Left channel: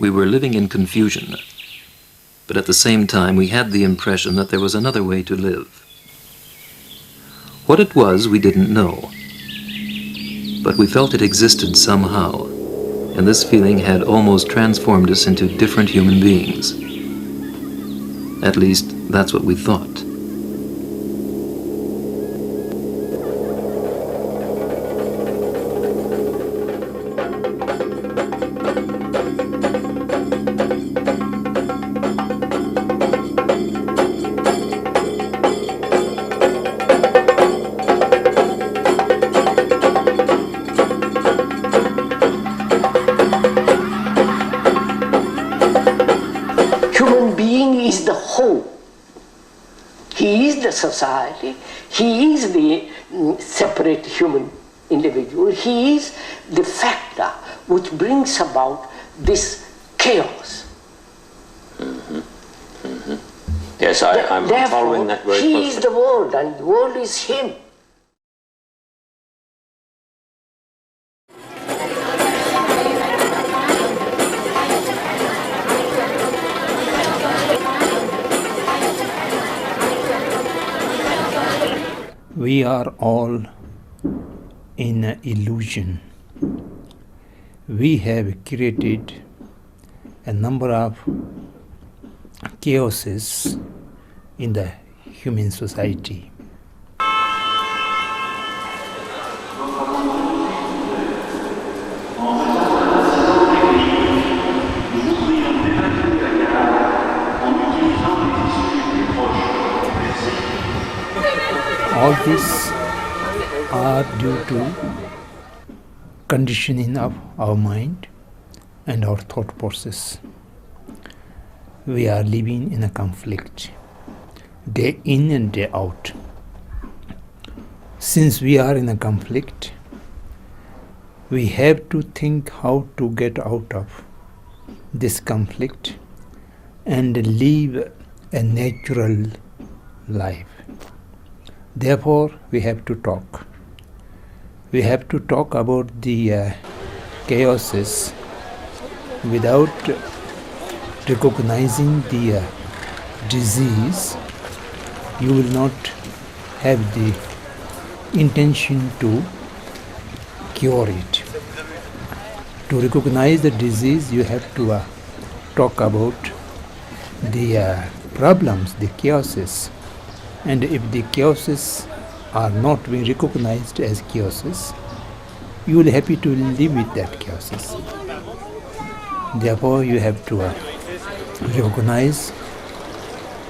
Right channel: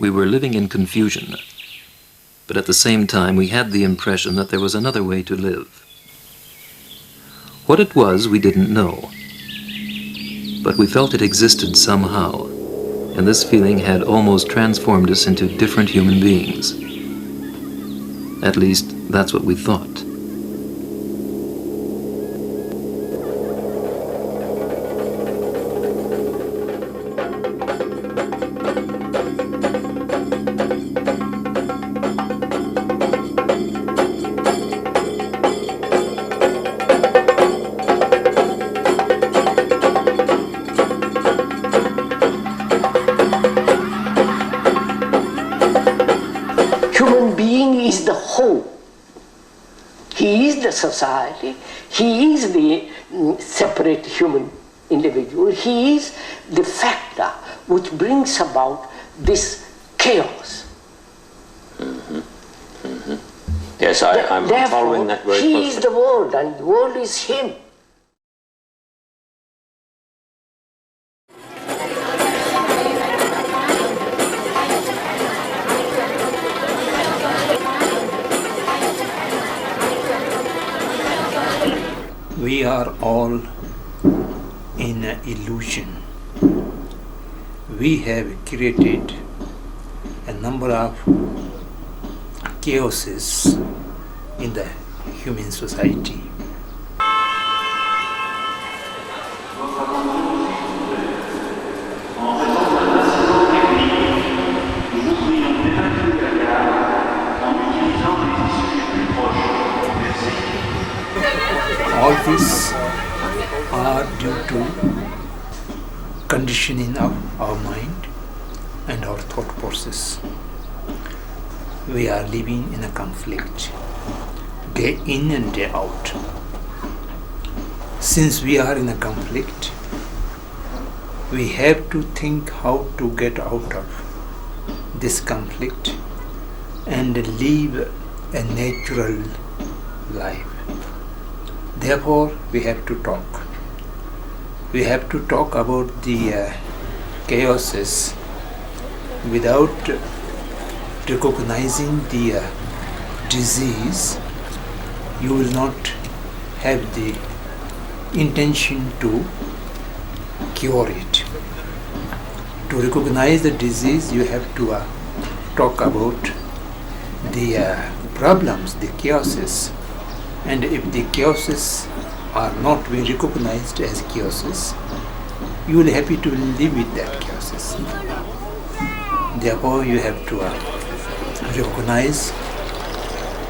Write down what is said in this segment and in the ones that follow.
we were living in confusion, but at the same time we had the impression that there was another way to live. What it was, we didn't know, but we felt it existed somehow, and this feeling had almost transformed us into different human beings. At least, that's what we thought. Society, he is the separate human individual, he is the factor which brings about this chaos. Yes, I'm following that very closely. He is the world and the world is him. We are all in an illusion. We have created a number of chaoses in the human society. All these are due to conditioning of our mind and our thought process. We are living in a conflict, day in and day out. Since we are in a conflict, we have to think how to get out of this conflict and live a natural life. Therefore, we have to talk. We have to talk about the chaoses without recognizing the disease. You will not have the intention to cure it. To recognize the disease, you have to talk about the problems, the chaoses. And if the chaoses are not being recognized as chaoses, you will be happy to live with that chaoses. Therefore, you have to recognize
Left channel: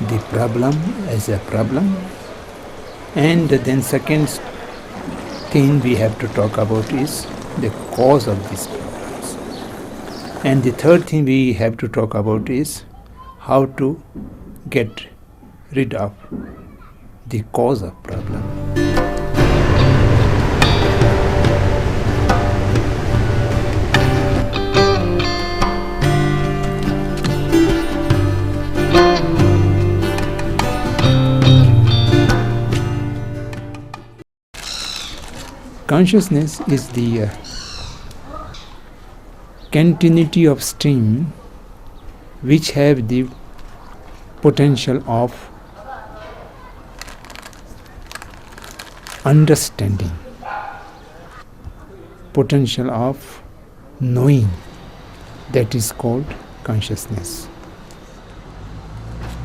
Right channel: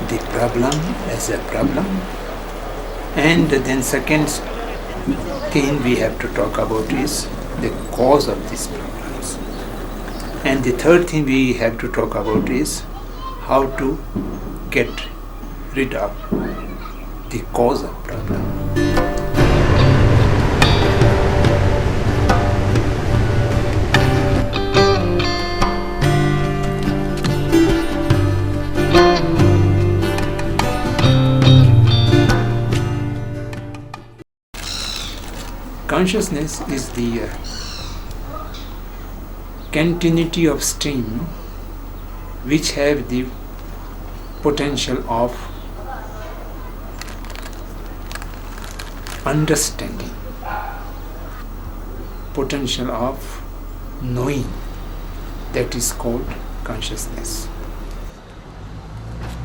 the problem as a problem. And then second thing we have to talk about is the cause of these problems. And the third thing we have to talk about is how to get rid of the cause of problem. Consciousness is the continuity of stream which have the potential of understanding, potential of knowing, that is called consciousness.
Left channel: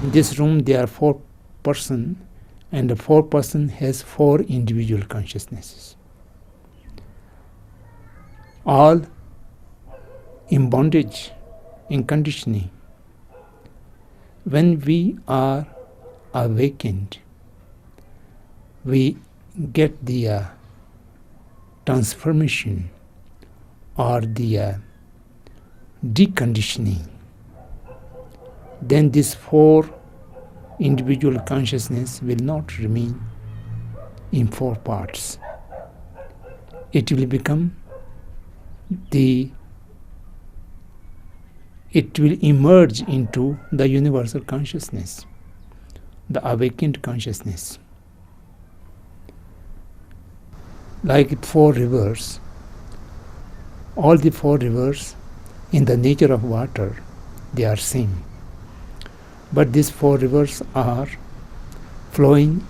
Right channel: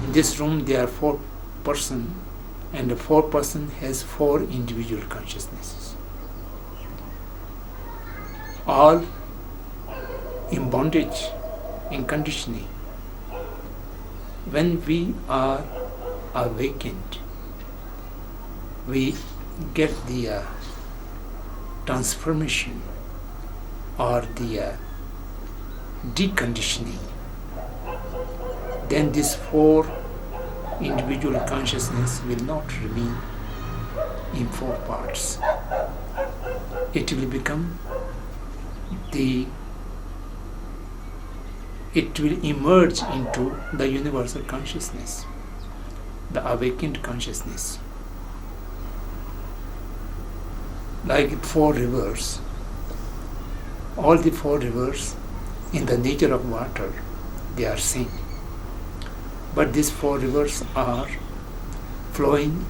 In this room there are 4 persons, and the 4 person has 4 individual consciousnesses, all in bondage, in conditioning. When we are awakened, we get the transformation or the deconditioning. Then these 4 individual consciousness will not remain in 4 parts. It will become it will emerge into the universal consciousness, the awakened consciousness. Like 4 rivers, all the 4 rivers in the nature of water, they are same. But these four rivers are flowing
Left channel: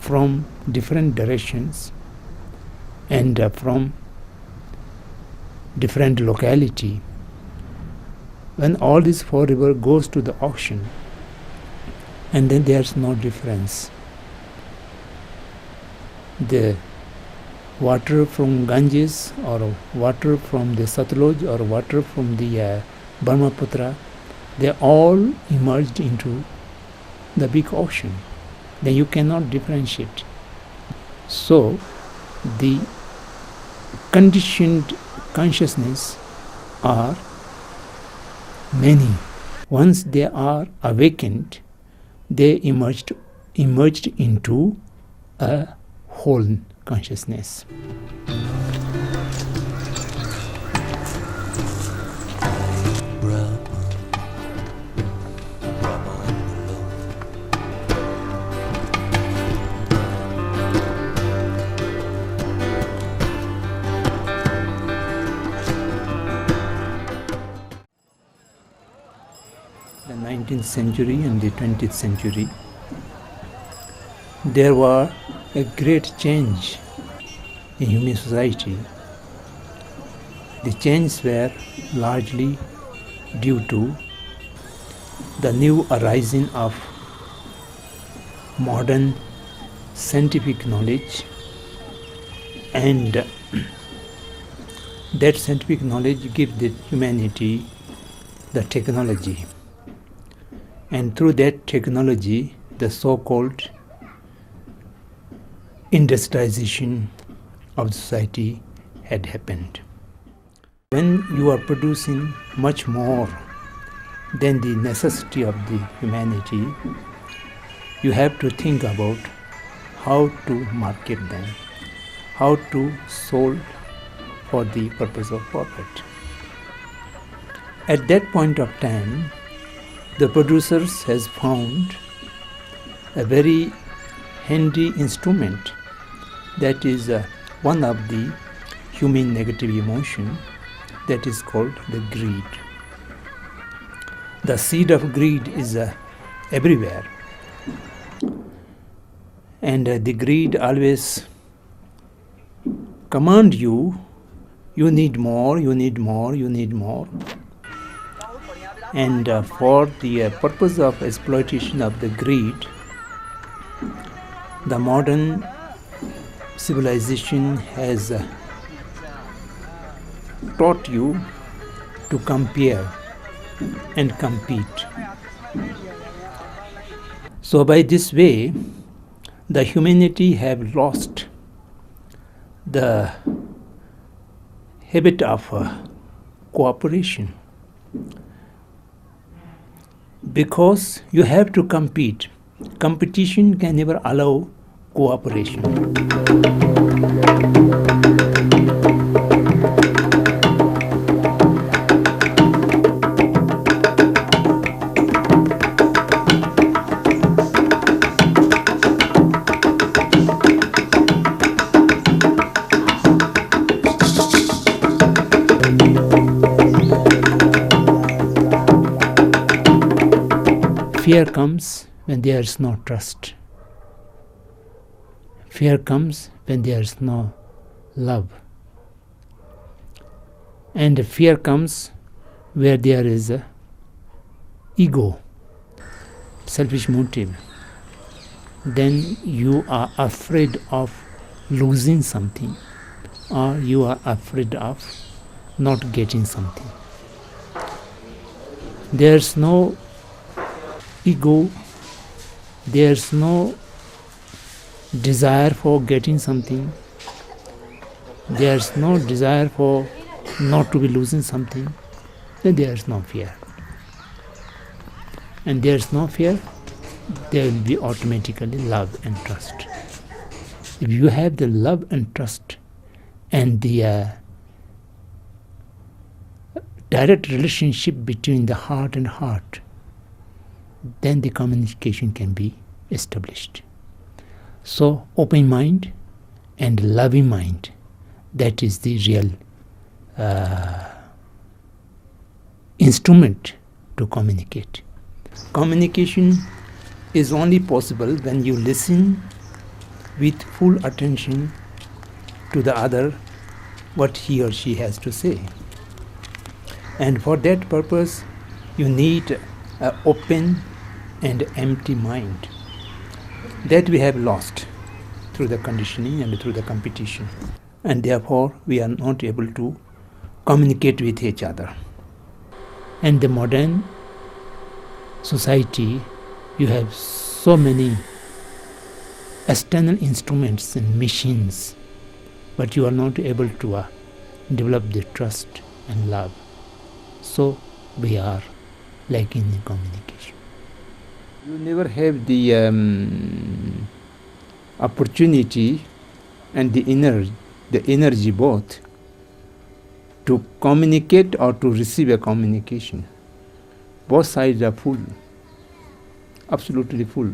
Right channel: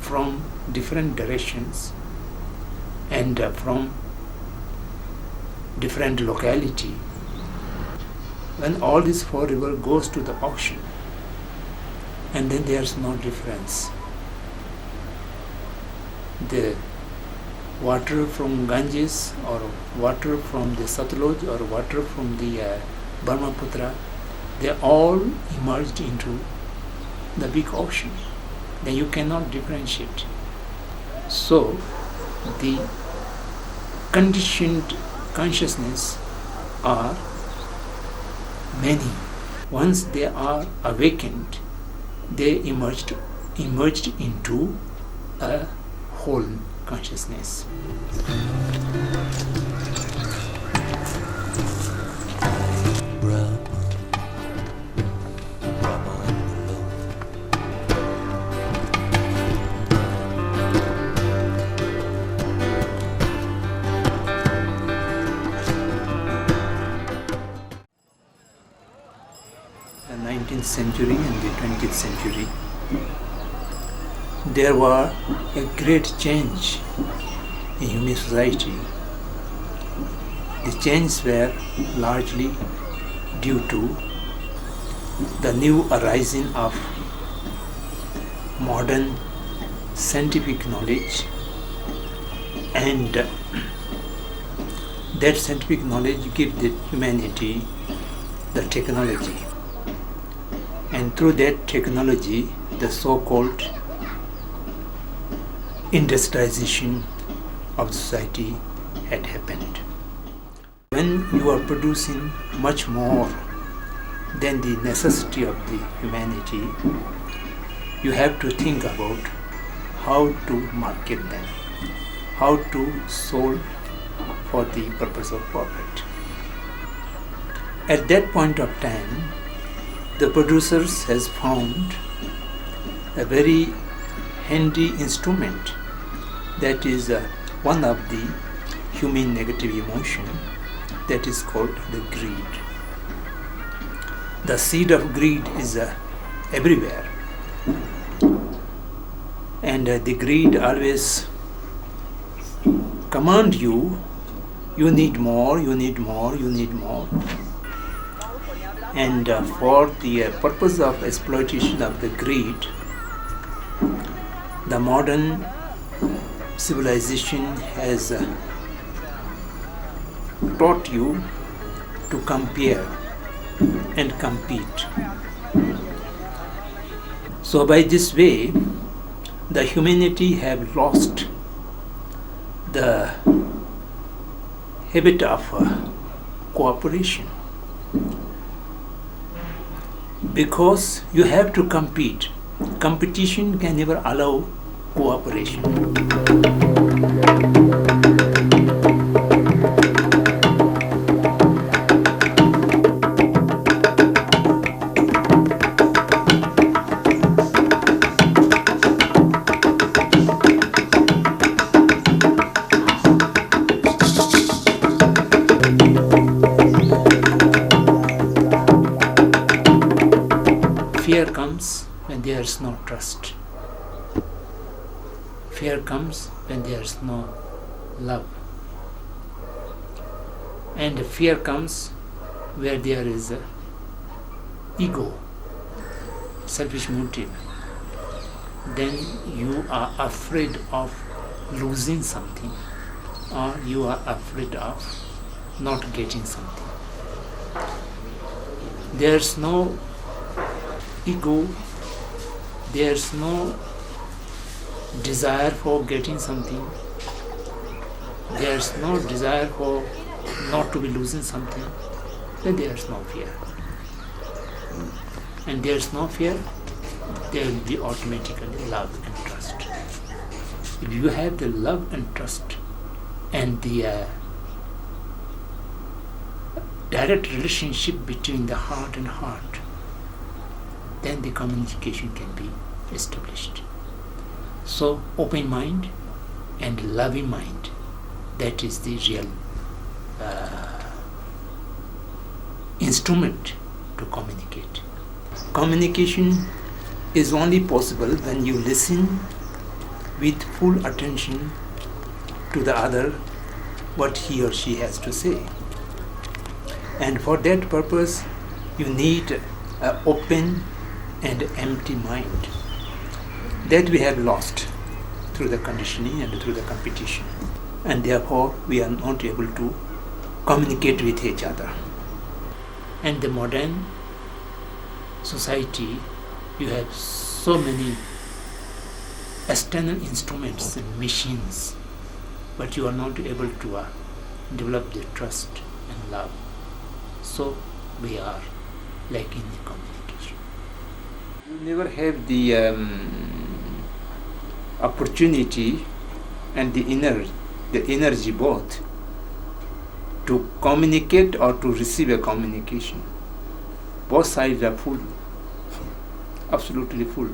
from different directions and from different locality. When all these four rivers goes to the ocean, and then there's no difference. The water from Ganges or water from the Satluj or water from the Brahmaputra, they all emerged into the big ocean. Then you cannot differentiate. So the conditioned consciousness are many. Once they are awakened, they emerged into a whole consciousness. The 19th century and the 20th century, there was a great change in human society. The changes were largely due to the new arising of modern scientific knowledge, and that scientific knowledge gives the humanity the technology, and through that technology the so-called industrialization of society had happened. When you are producing much more than the necessity of the humanity, you have to think about how to market them, how to sell for the purpose of profit. At that point of time, the producers has found a very handy instrument, that is one of the human negative emotion, that is called the greed. The seed of greed is everywhere, and the greed always command you, you need more, you need more, you need more. And for the purpose of exploitation of the greed, the modern civilization has taught you to compare and compete. So by this way, the humanity have lost the habit of cooperation, because you have to compete. Competition can never allow cooperation. Fear comes when there is no trust. Fear comes when there is no love. And fear comes where there is a ego, selfish motive. Then you are afraid of losing something, or you are afraid of not getting something. There's no ego, there's no desire for getting something, there's no desire for not to be losing something, then there's no fear. And there's no fear, there will be automatically love and trust. If you have the love and trust and the direct relationship between the heart and heart, then the communication can be established. So open mind and loving mind, that is the real instrument to communicate. Communication is only possible when you listen with full attention to the other, what he or she has to say. And for that purpose, you need an open and empty mind. That we have lost through the conditioning and through the competition. And therefore, we are not able to communicate with each other. And the modern society, you have so many external instruments and machines, but you are not able to develop the trust and love. So we are lacking in communication. You never have the opportunity and the energy both to communicate or to receive a communication. Both sides are full, absolutely full.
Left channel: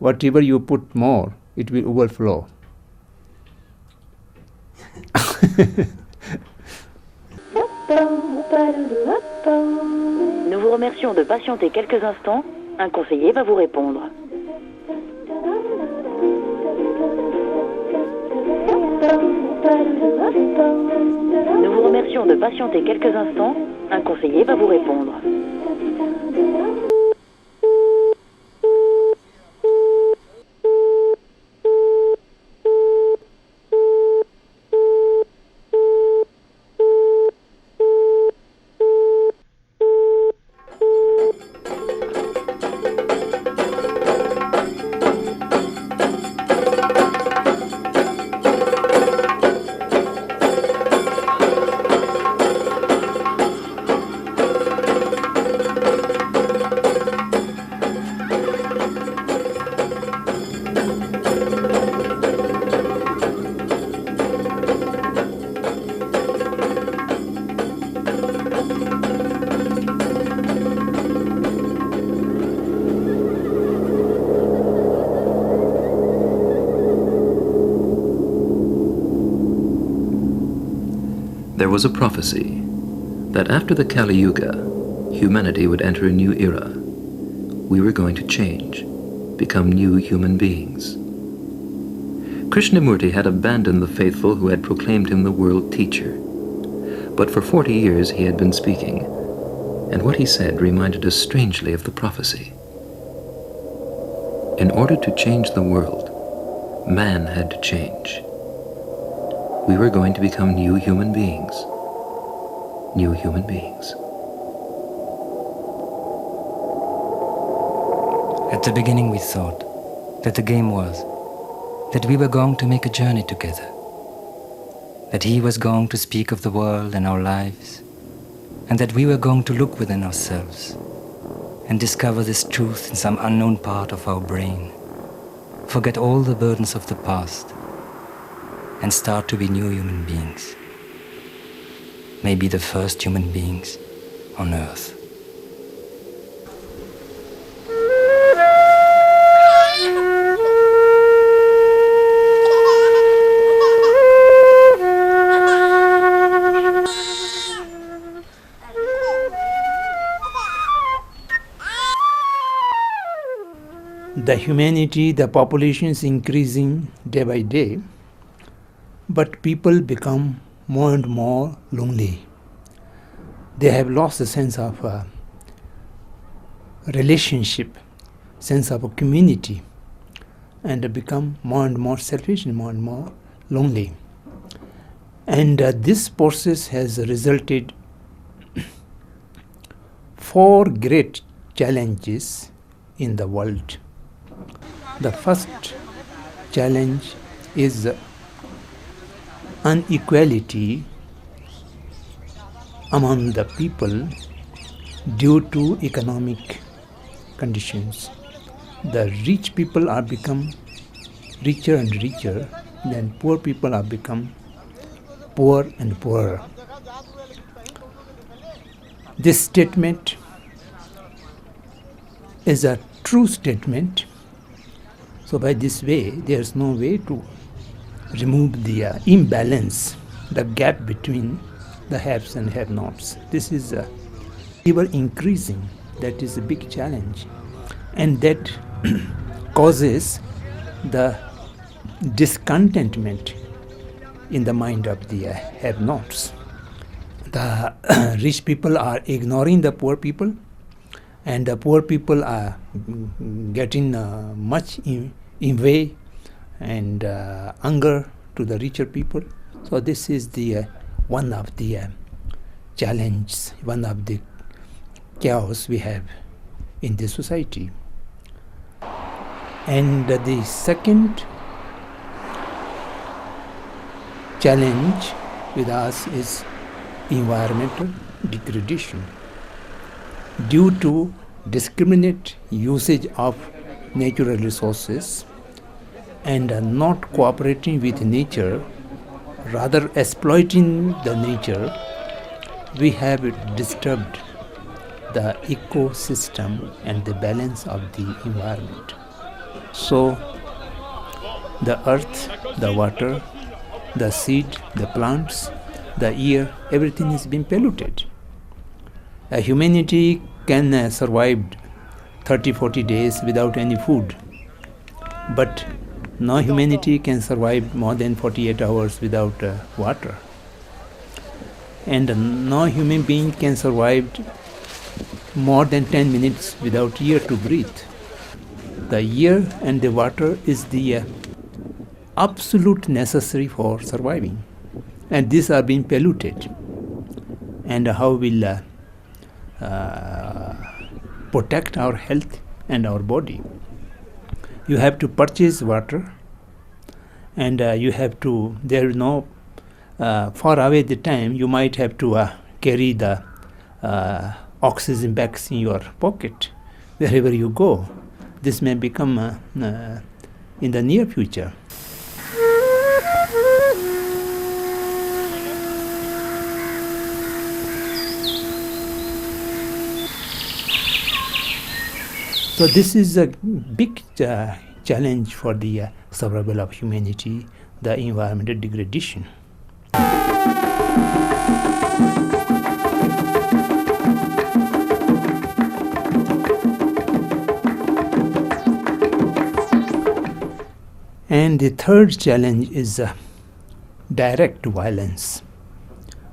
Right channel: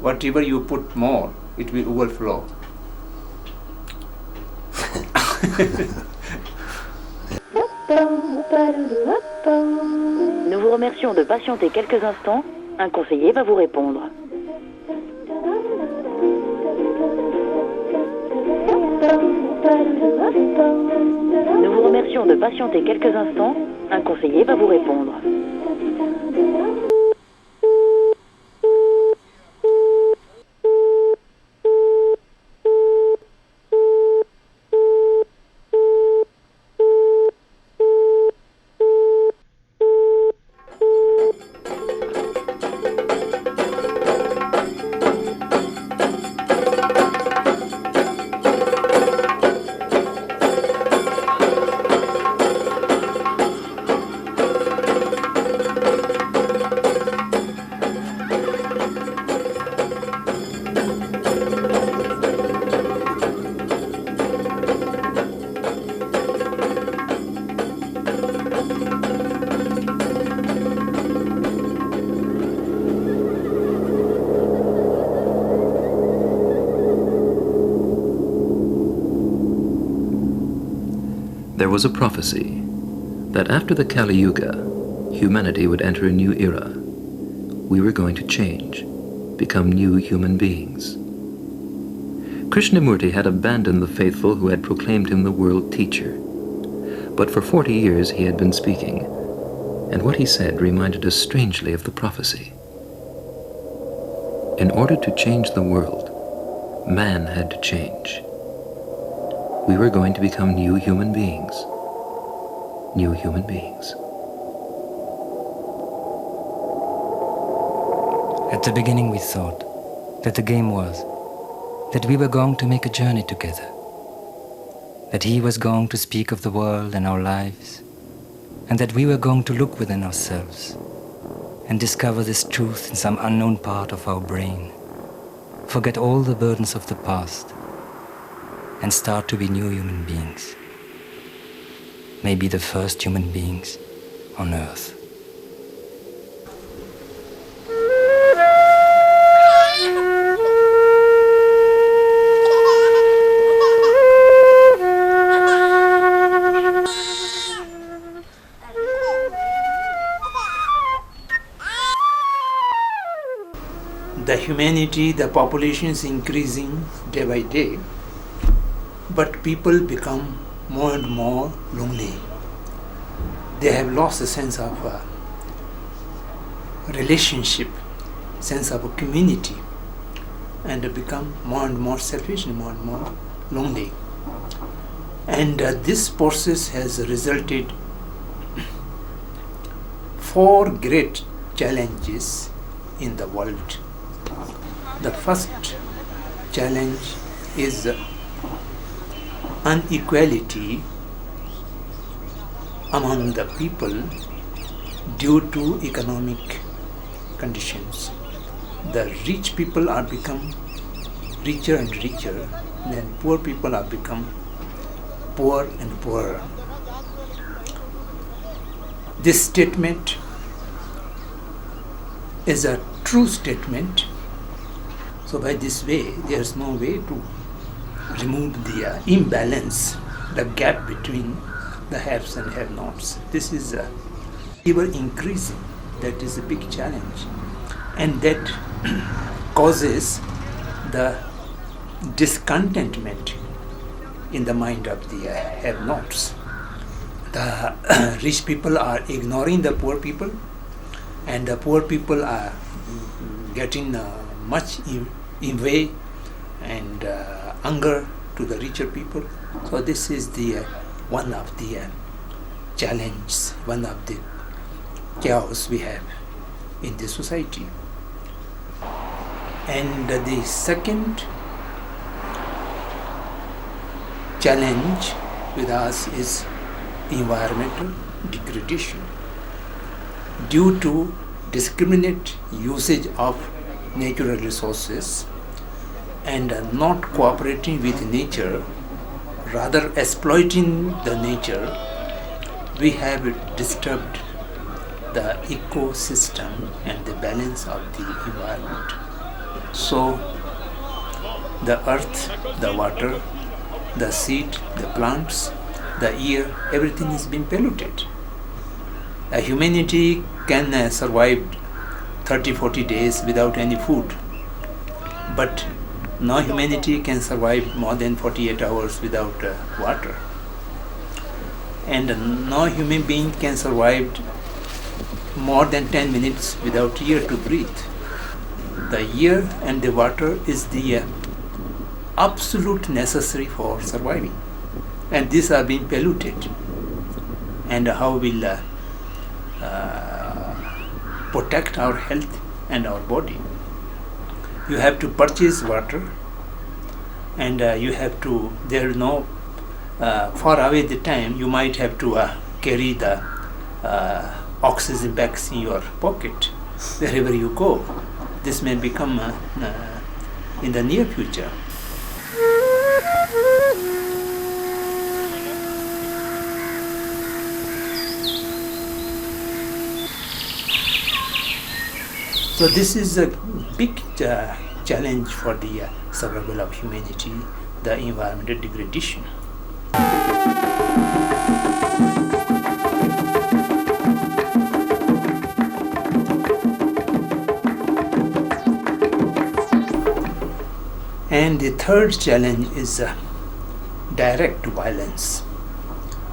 Whatever you put more, it will overflow. Nous vous remercions de patienter quelques instants. Un conseiller va vous répondre. Nous vous remercions de patienter quelques instants. Un conseiller va vous répondre. There was a prophecy that after the Kali Yuga, humanity would enter a new era. We were going to change, become new human beings. Krishnamurti had abandoned the faithful who had proclaimed him the world teacher. But for 40 years he had been speaking, and what he said reminded us strangely of the prophecy. In order to change the world, man had to change. We were going to become new human beings. New human beings. At the beginning we thought that the game was that we were going to make a journey together, that he was going to speak of the world and our lives, and that we were going to look within ourselves and discover this truth in some unknown part of our brain, forget all the burdens of the past, and start to be new human beings. Maybe the first human beings on Earth. The humanity, the population is increasing day by day, but people become more and more lonely. They have lost a sense of relationship, sense of a community, and have become more and more selfish and more lonely. And this process has resulted 4 great challenges in the world. The first challenge is inequality among the people due to economic conditions. The rich people are become richer and richer, then poor people are become poor and poorer. This statement is a true statement. So by this way, there is no way to remove the imbalance, the gap between the haves and have-nots. This is ever increasing. That is a big challenge, and that causes the discontentment in the mind of the have-nots. The rich people are ignoring the poor people, and the poor people are getting much in way and anger to the richer people. So this is the one of the challenges, one of the chaos we have in this society. And the second challenge with us is environmental degradation. Due to discriminate usage of natural resources and not cooperating with nature, rather exploiting the nature, we have disturbed the ecosystem and the balance of the environment. So the earth, the water, the seed, the plants, the air, everything is being polluted. Humanity can survive 30-40 days without any food, but no humanity can survive more than 48 hours without water, and no human being can survive more than 10 minutes without air to breathe. The air and the water is the absolute necessary for surviving, and these are being polluted. And how will protect our health and our body? You have to purchase water, and you have to, there is no far away the time you might have to carry the oxygen bags in your pocket wherever you go. This may become in the near future. So this is a big challenge for the survival of humanity, the environmental degradation. And the third challenge is direct violence.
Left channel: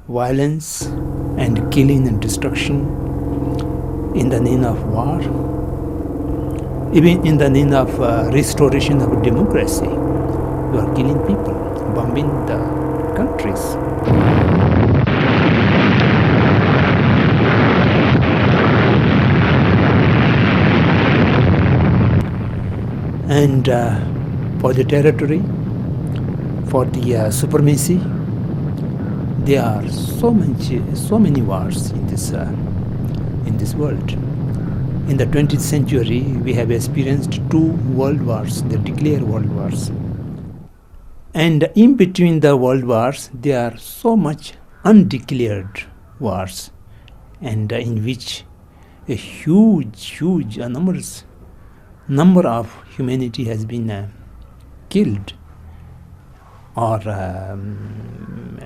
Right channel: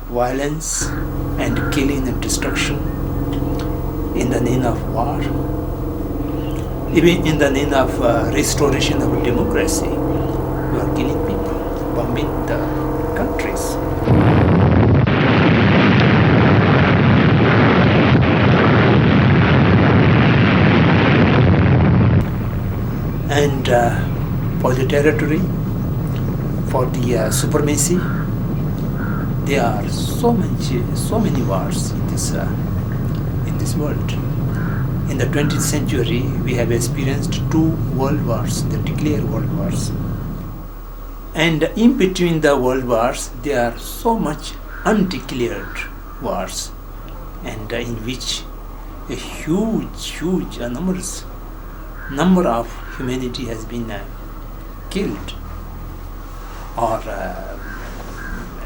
Violence and killing and destruction in the name of war, even in the name of restoration of democracy. We are killing people, bombing the countries. And for the territory, for the supremacy, there are so many wars in this world. In the 20th century, we have experienced 2 world wars, the declared world wars. And in between the world wars, there are so much undeclared wars, and in which a huge, enormous number of humanity has been killed or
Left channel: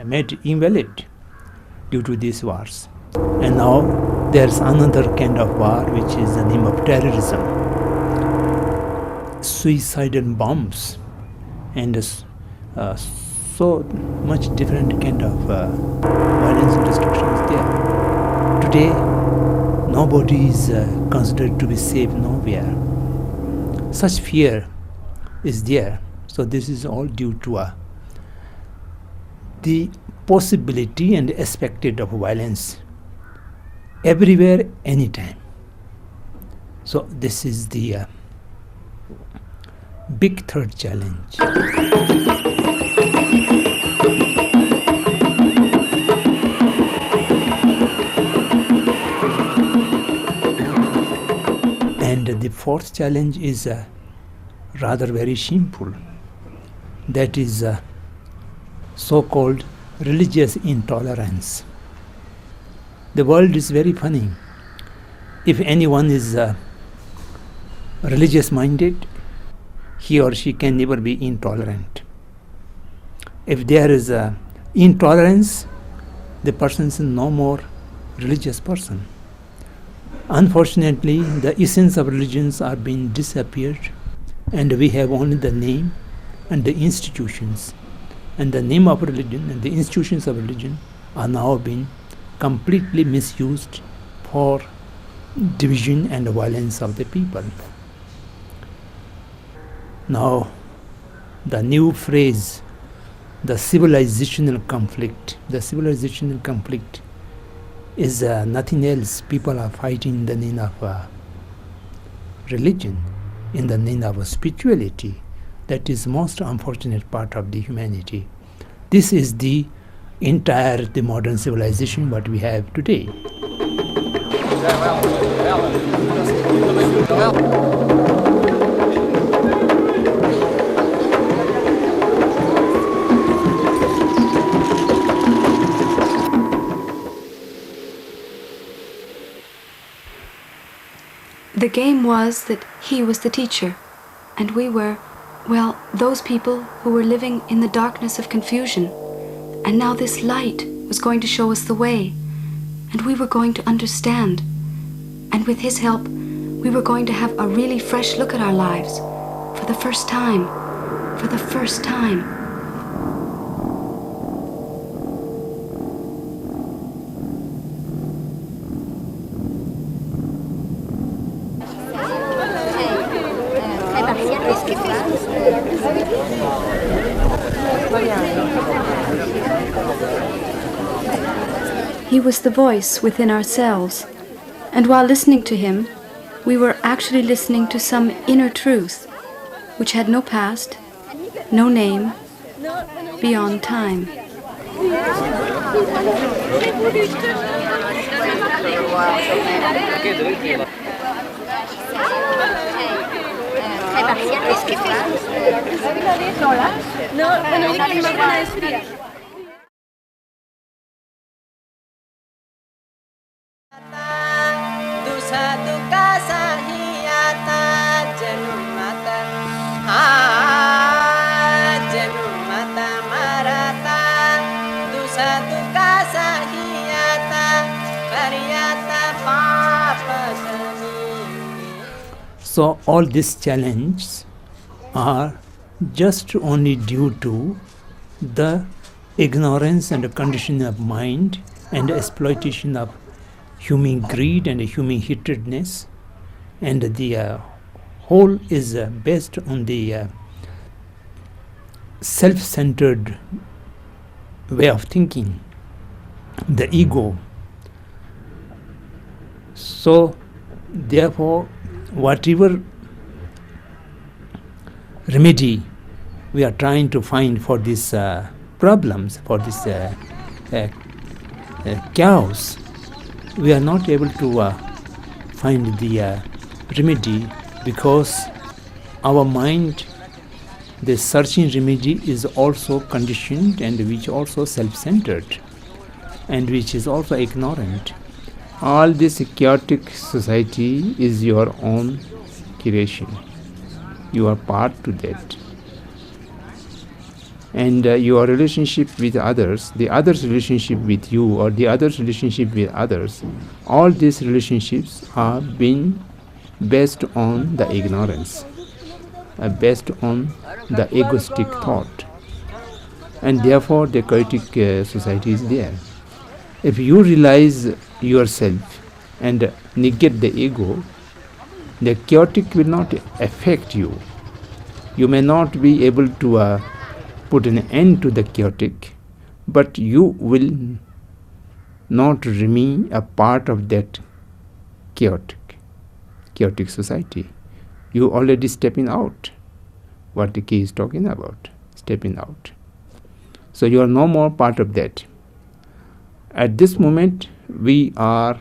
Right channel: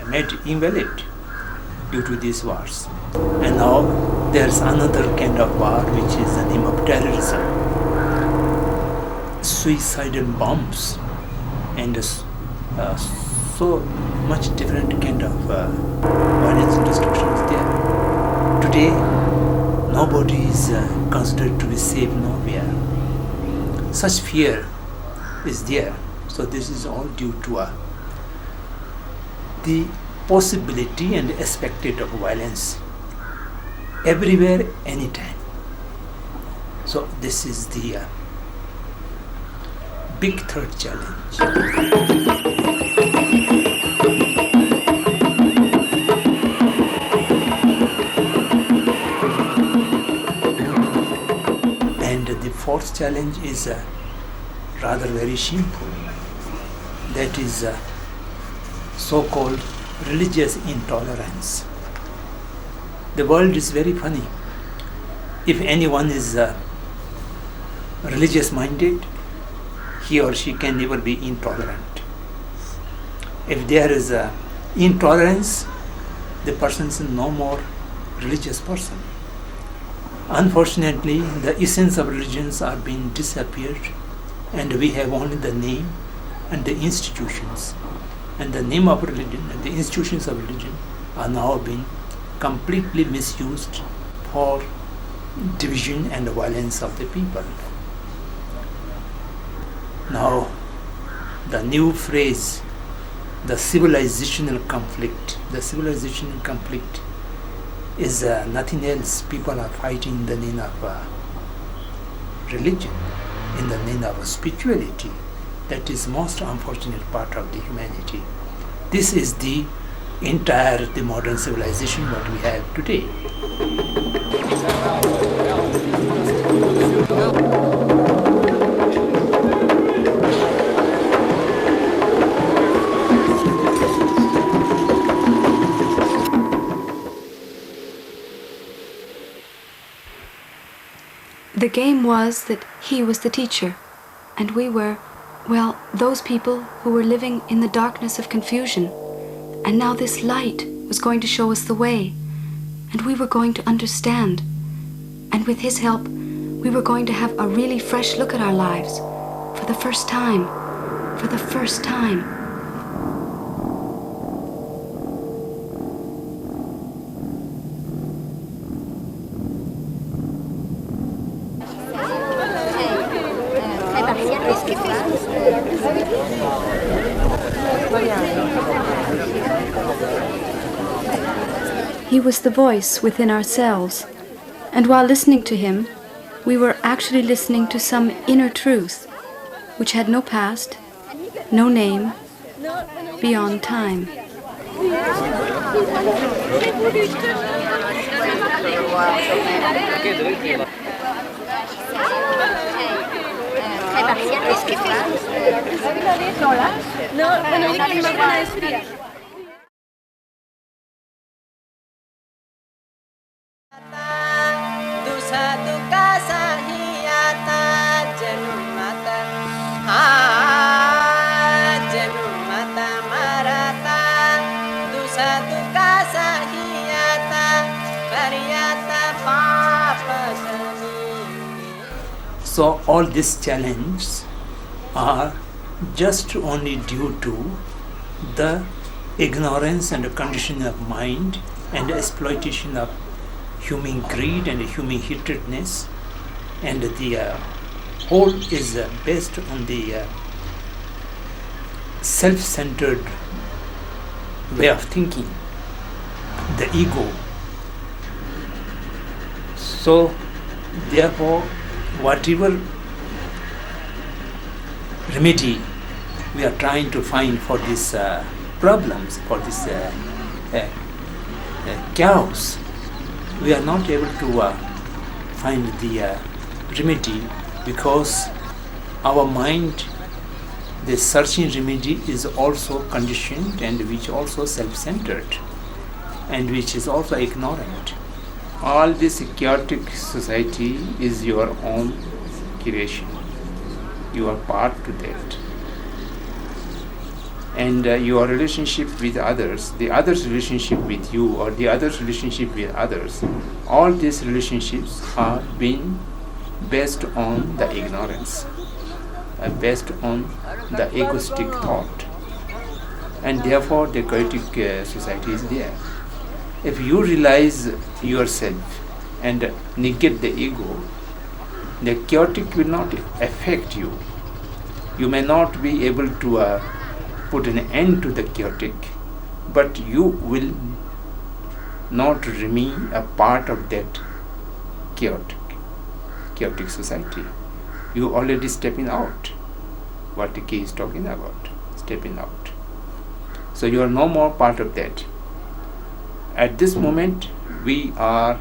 made invalid due to these wars. And now there's another kind of war, which is the name of terrorism, suicidal bombs, and so much different kind of violence and destruction is there. Today, nobody is considered to be safe nowhere. Such fear is there. So this is all due to the possibility and expected of violence everywhere, anytime. So this is the big third challenge. And the fourth challenge is rather very shameful. That is so-called religious intolerance. The world is very funny. If anyone is religious minded, he or she can never be intolerant. If there is intolerance, the person is no more religious person. Unfortunately, the essence of religions are being disappeared, and we have only the name and the institutions. And the name of religion and the institutions of religion are now being completely misused for division and violence of the people. Now, the new phrase, the civilizational conflict is nothing else. People are fighting in the name of religion, in the name of spirituality. That is most unfortunate part of the humanity. This is the entire the modern civilization what we have today. The game was that he was the teacher, and we were, well, those people who were living in the darkness of confusion. And now this light was going to show us the way, and we were going to understand. And with his help, we were going to have a really fresh look at our lives for the first time. For the first time. He was the voice within ourselves, and while listening to him, we were actually listening to some inner truth, which had no past, no name, beyond time. So all these challenges are just only due to the ignorance and the conditioning of mind and the exploitation of human greed and human hatredness, and the whole is based on the self-centered way of thinking, the ego. So therefore, whatever remedy we are trying to find for these problems, for this chaos, we are not able to find the remedy, because our mind, the searching remedy, is also conditioned and which also self-centered and which is also ignorant. All this chaotic society is your own creation. You are part to that. And your relationship with others, the others' relationship with you, or the others' relationship with others, all these relationships are being based on the ignorance, based on the egoistic thought. And therefore the chaotic society is there. If you realize yourself and negate the ego, the chaotic will not affect you. You may not be able to put an end to the chaotic, but you will not remain a part of that chaotic society. You already stepping out. What the key is talking about, stepping out. So you are no more part of that. At this moment, we are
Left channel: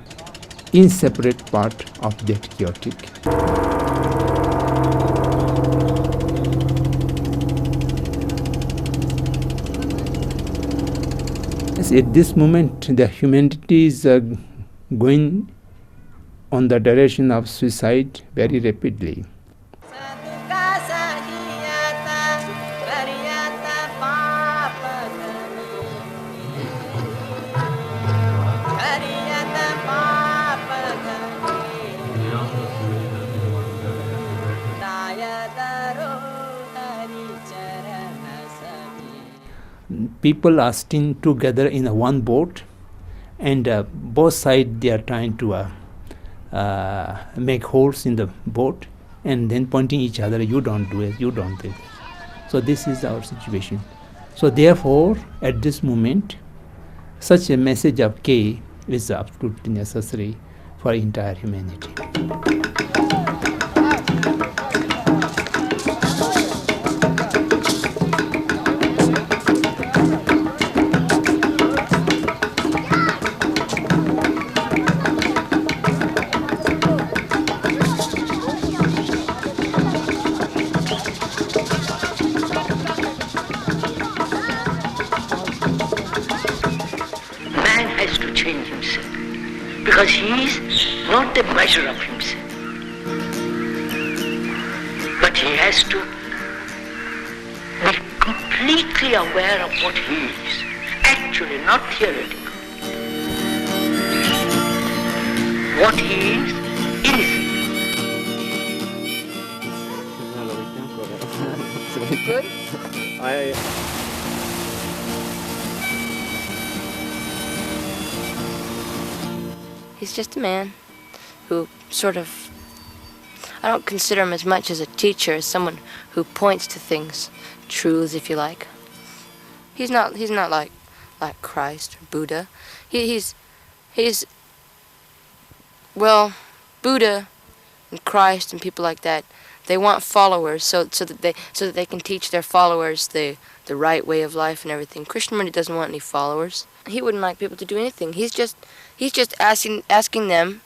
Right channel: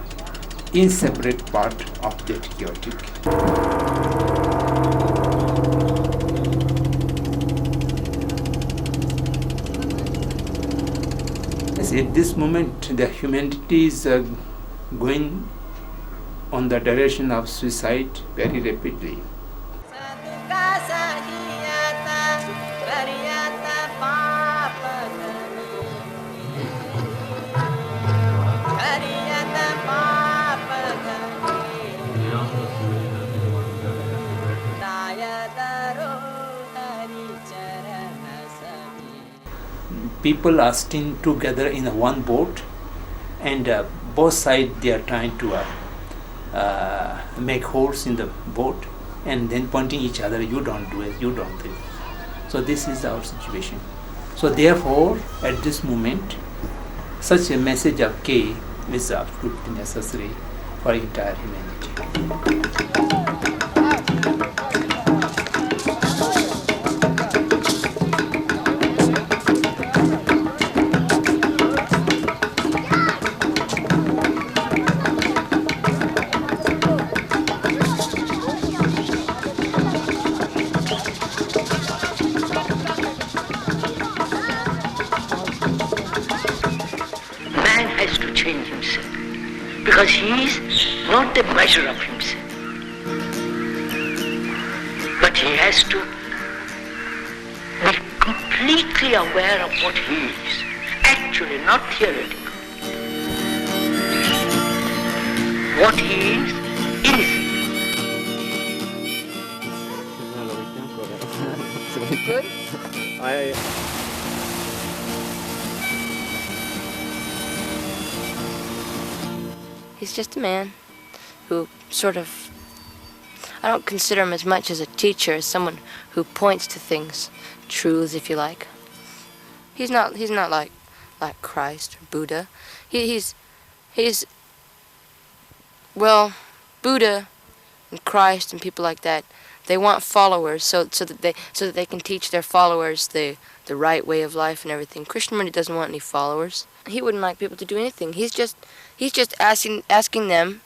inseparate part of that chaotic. Yes, at this moment, the humanity is going on the direction of suicide very rapidly. people are staying together in one boat, and both sides they are trying to make holes in the boat and then pointing each other, you don't do it, you don't do it. So this is our situation. So therefore, at this moment, such a message of K is absolutely necessary for entire humanity. Because he is not the measure of himself. But he has to be completely aware of what he is, actually, not theoretical. What he is. Good? He's just a man who sort of, I don't consider him as much as a teacher, as someone who points to things, truths if you like. He's not like Christ or Buddha. He's well, Buddha and Christ and people like that, they want followers so that they can teach their followers the right way of life and everything. Krishnamurti doesn't want any followers. He wouldn't like people to do anything. He's just asking them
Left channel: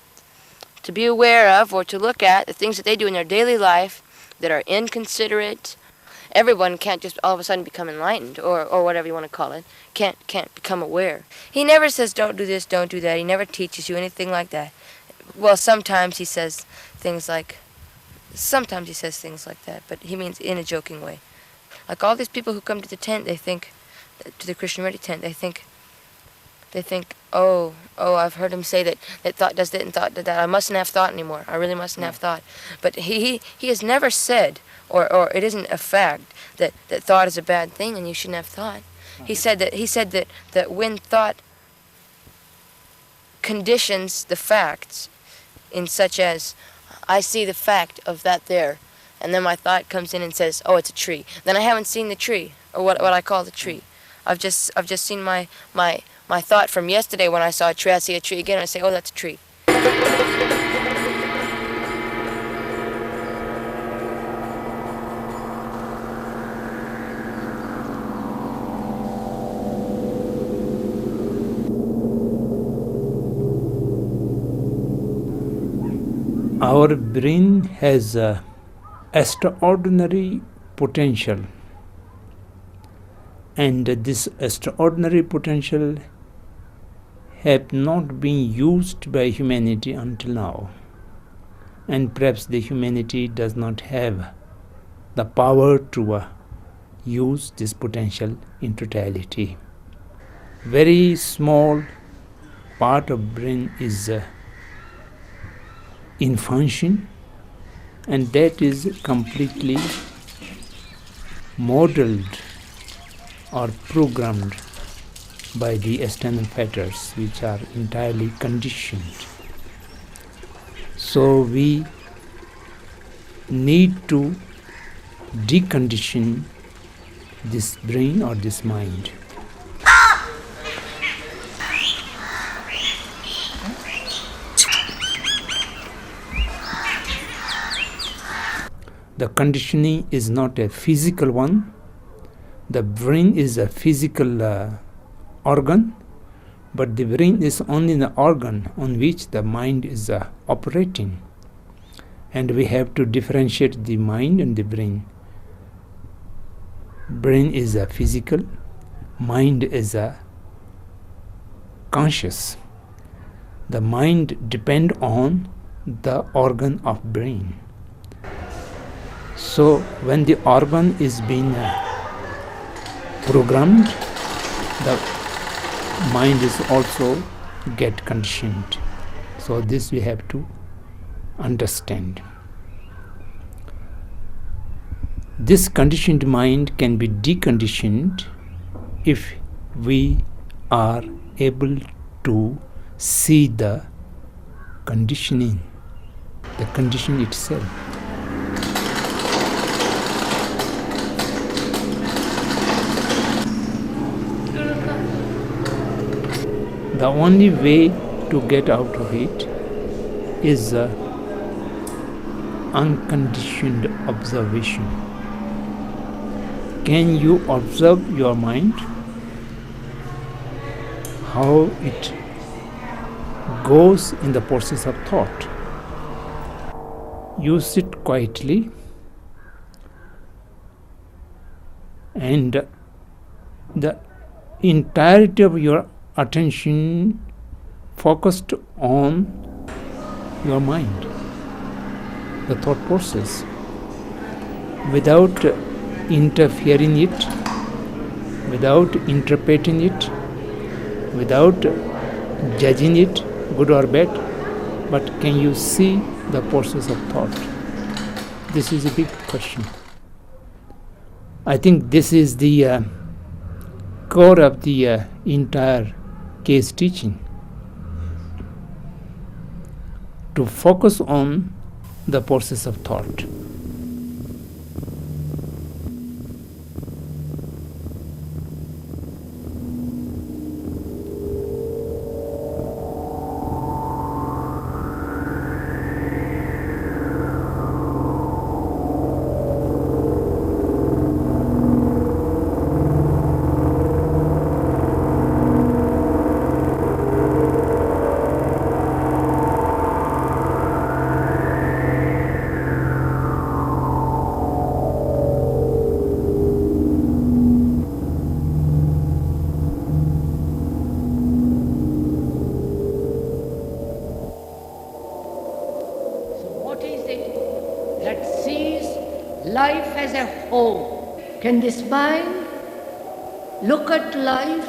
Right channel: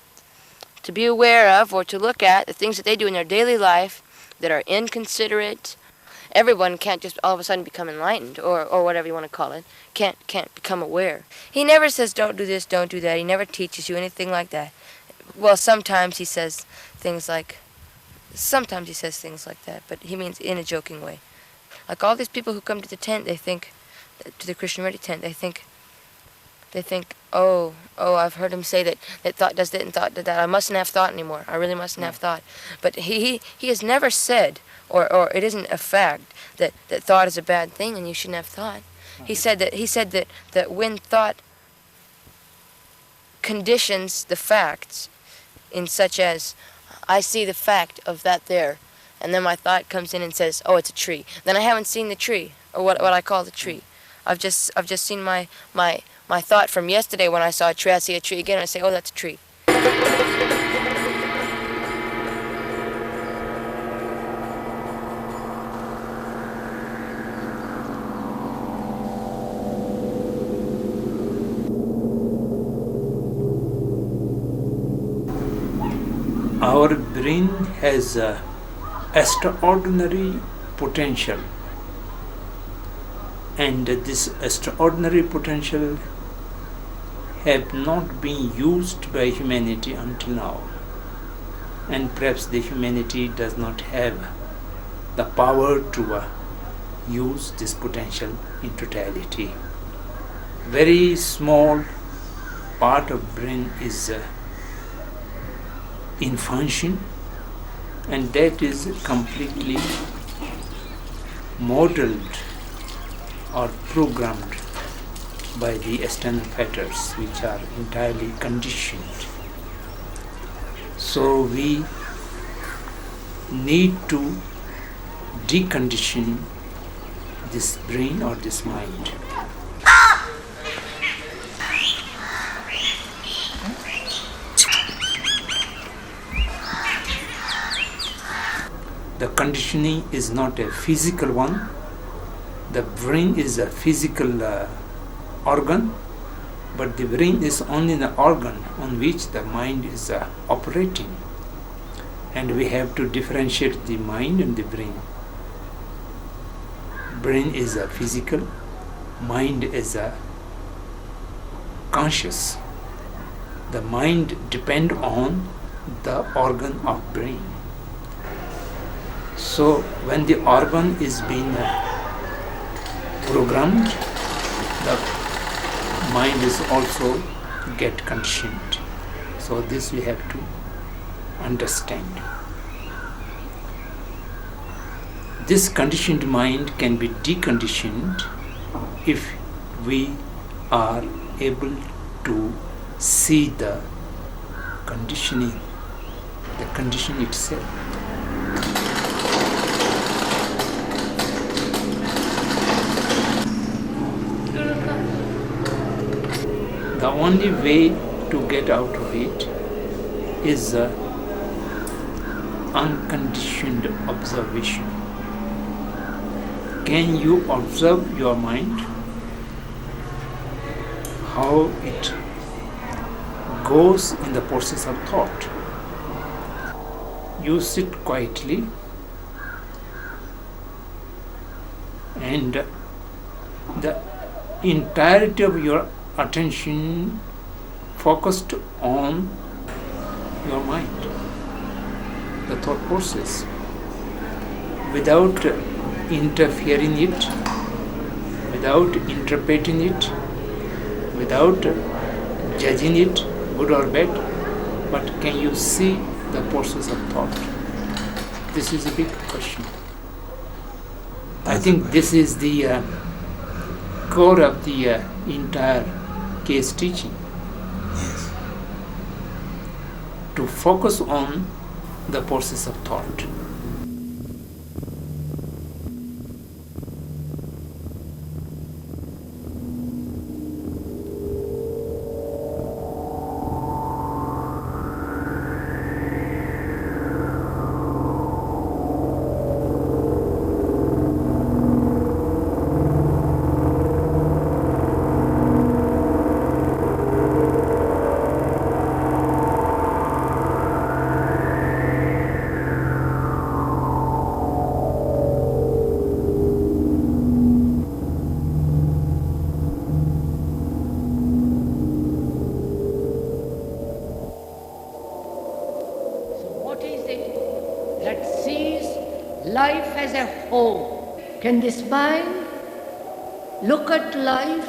to be aware of or to look at the things that they do in their daily life that are inconsiderate. Everyone can't just all of a sudden become enlightened or whatever you want to call it. Can't become aware. He never says don't do this, don't do that. He never teaches you anything like that. Well, sometimes he says things like that, but he means in a joking way. Like all these people who come to the tent, they think, to the Krishnamurti tent, they think, oh, I've heard him say that thought does that and thought does that. I mustn't have thought anymore. I really mustn't have thought. But he has never said, or it isn't a fact, that thought is a bad thing and you shouldn't have thought. He said that when thought conditions the facts, in such as, I see the fact of that there, and then my thought comes in and says, oh, it's a tree. Then I haven't seen the tree, or what I call the tree. I've just seen my thought from yesterday when I saw a tree. I see a tree again and I say, oh, that's a tree. Our brain has extraordinary potential, and this extraordinary potential have not been used by humanity until now, and perhaps the humanity does not have the power to use this potential in totality. Very small part of brain is in function, and that is completely modeled or programmed by the external factors which are entirely conditioned. So we need to decondition this brain or this mind. The conditioning is not a physical one. The brain is a physical organ, but the brain is only the organ on which the mind is operating. And we have to differentiate the mind and the brain. Brain is a physical, mind is a conscious. The mind depends on the organ of brain. So when the organ is being programmed, the mind is also get conditioned. So this we have to understand. This conditioned mind can be deconditioned if we are able to see the conditioning, the condition itself. The only way to get out of it is unconditioned observation. Can you observe your mind? How it goes in the process of thought. You sit quietly and the entirety of your attention focused on your mind, the thought process, without interfering it, without interpreting it, without judging it, good or bad, but can you see the process of thought? This is a big question. I think this is the core of the entire case teaching. Yes. To focus on the process of thought. Life as a whole. Can this mind look at life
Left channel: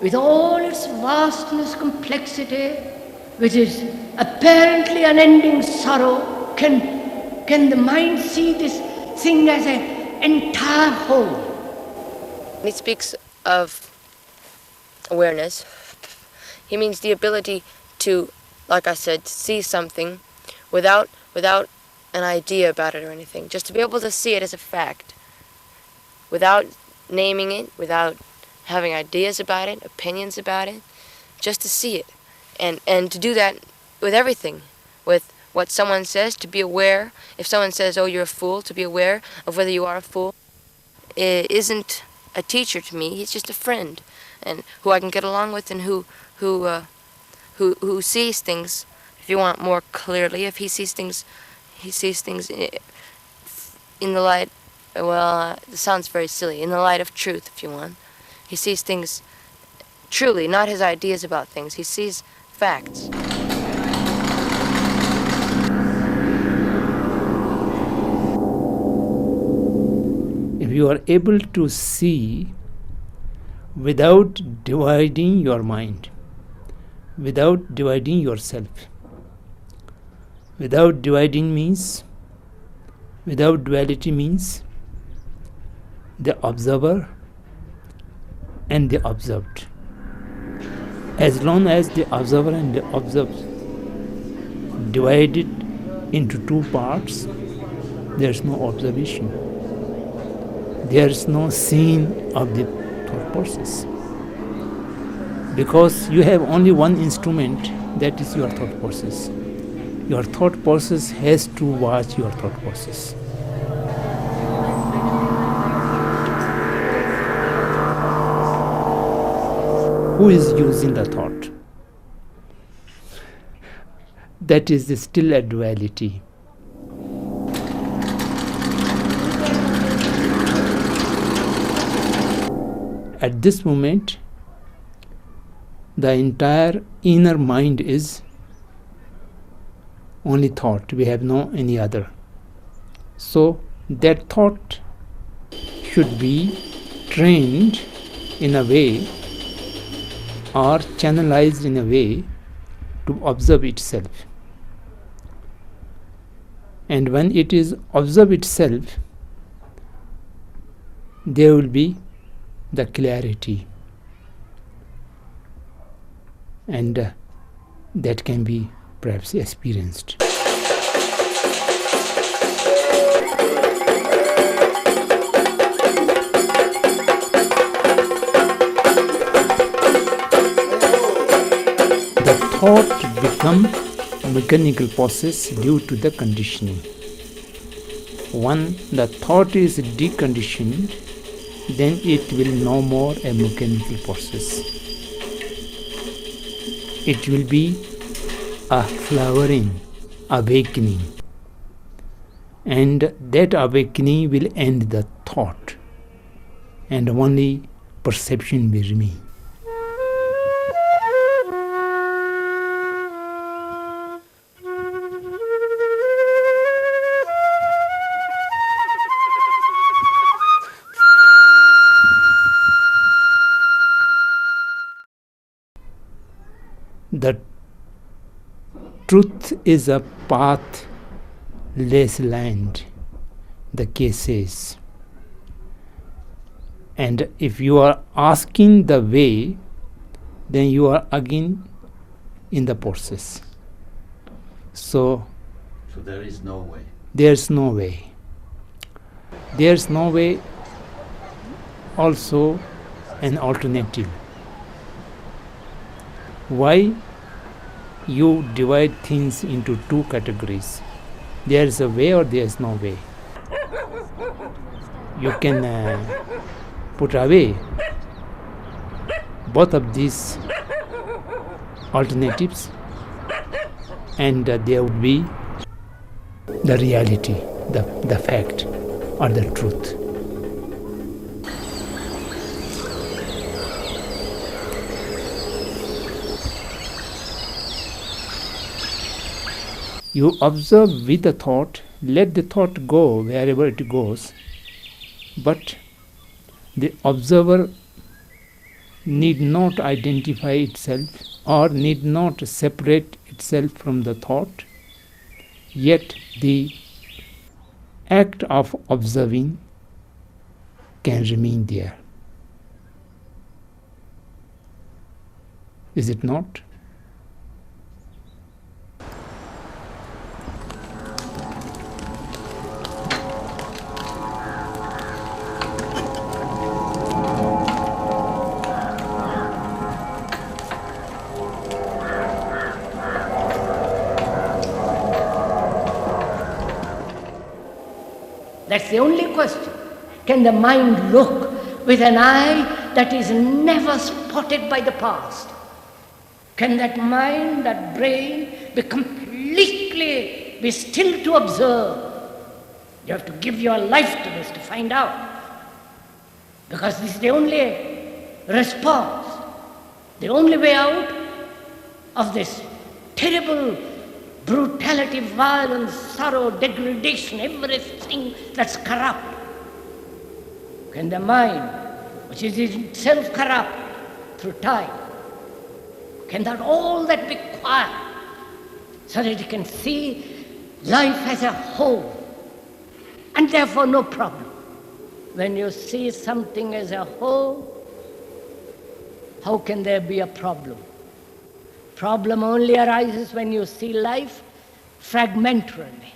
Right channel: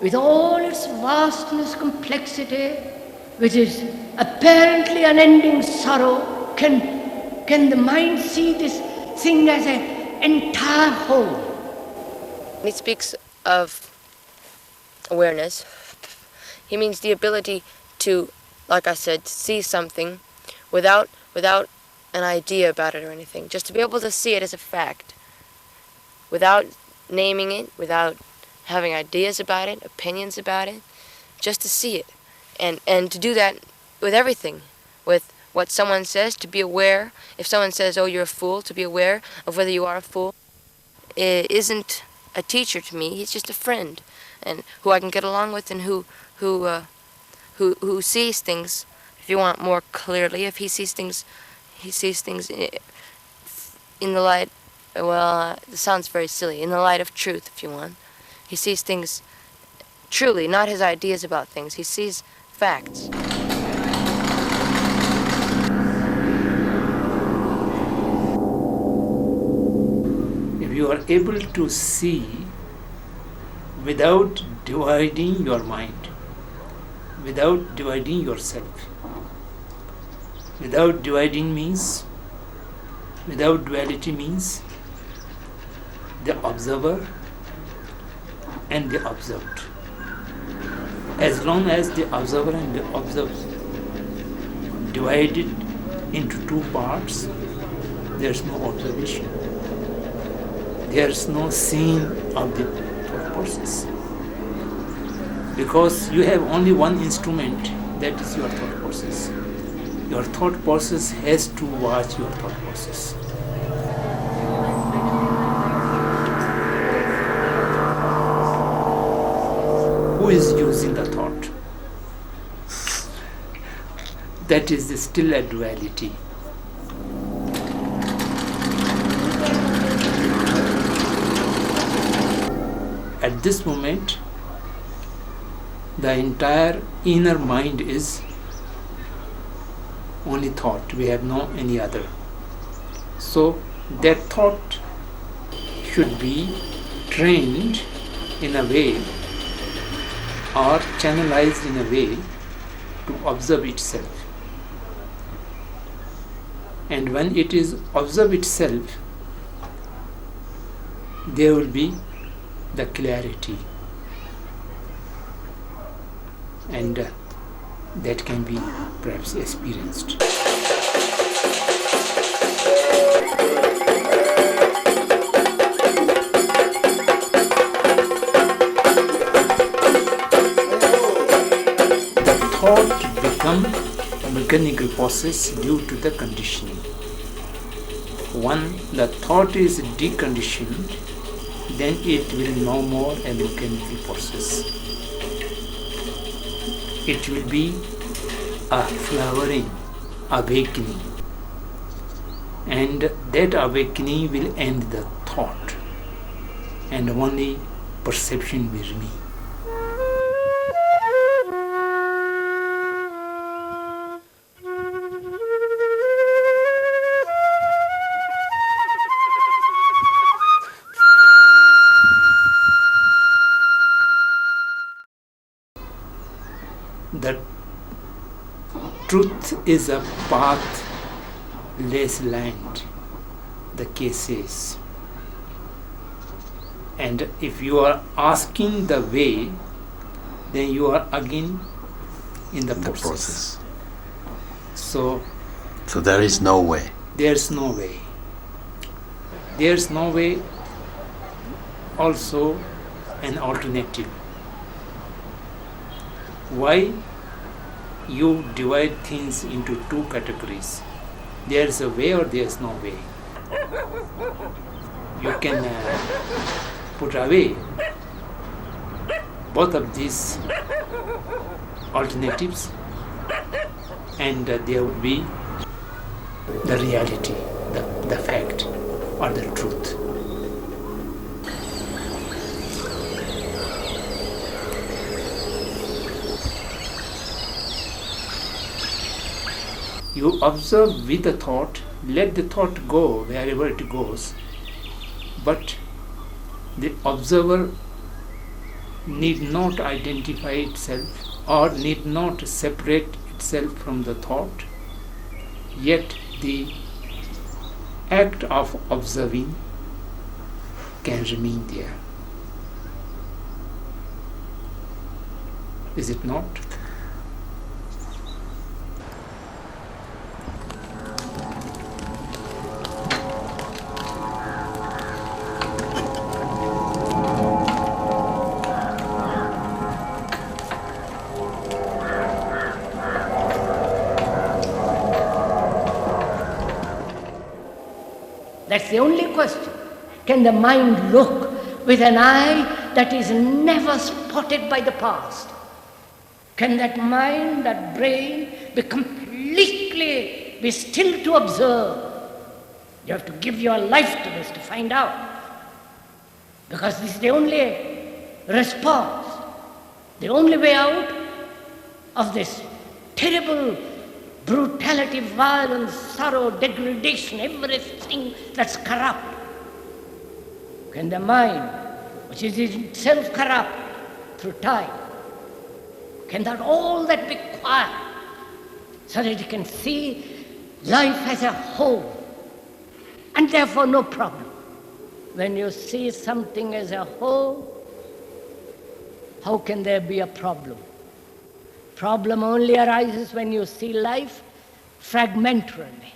with all its vastness, complexity, which is apparently unending sorrow? Can the mind see this thing as an entire whole? He speaks of awareness. He means the ability to, like I said, see something without an idea about it or anything. Just to be able to see it as a fact. Without naming it, without having ideas about it, opinions about it. Just to see it. And to do that with everything. With what someone says, to be aware. If someone says, oh, you're a fool, to be aware of whether you are a fool. It isn't a teacher to me, he's just a friend. And who I can get along with and who sees things, if you want more clearly, if he sees things in the light, well, it sounds very silly, in the light of truth, if you want. He sees things truly, not his ideas about things. He sees facts. If you are able to see without dividing your mind, without dividing yourself, without dividing means, without duality means the observer and the observed. As long as the observer and the observed divided into two parts, there's no observation. There's no seeing of the thought process. Because you have only one instrument, that is your thought process. Your thought process has to watch your thought process. Who is using the thought? That is still a duality. At this moment, the entire inner mind is only thought. We have no any other. So that thought should be trained in a way or channelized in a way to observe itself. And when it is observe itself, there will be the clarity, and that can be perhaps experienced. The thought becomes a mechanical process due to the conditioning. When the thought is deconditioned, then it will no more a mechanical process. It will be a flowering, awakening, and that awakening will end the thought, and only perception will remain. The truth is a pathless land, the case says. And if you are asking the way, then you are again in the process. So there is no way. There's no way. There's no way also an alternative. Why you divide things into two categories? There is a way or there is no way. You can put away both of these alternatives, and there will be the reality, the fact, or the truth. You observe with the thought, let the thought go wherever it goes, but the observer need not identify itself or need not separate itself from the thought, yet the act of observing can remain there. Is it not? That's the only question. Can the mind look with an eye that is never spotted by the past? Can that mind, that brain, be still to observe? You have to give your life to this to find out. Because this is the only response, the only way out of this terrible brutality, violence, sorrow, degradation, everything that's corrupt. Can the mind, which is itself corrupt through time, can that all that be quiet so that it can see life as a whole and therefore no problem? When you see something as a whole, how can there be a problem? Problem only arises when you see life fragmentarily.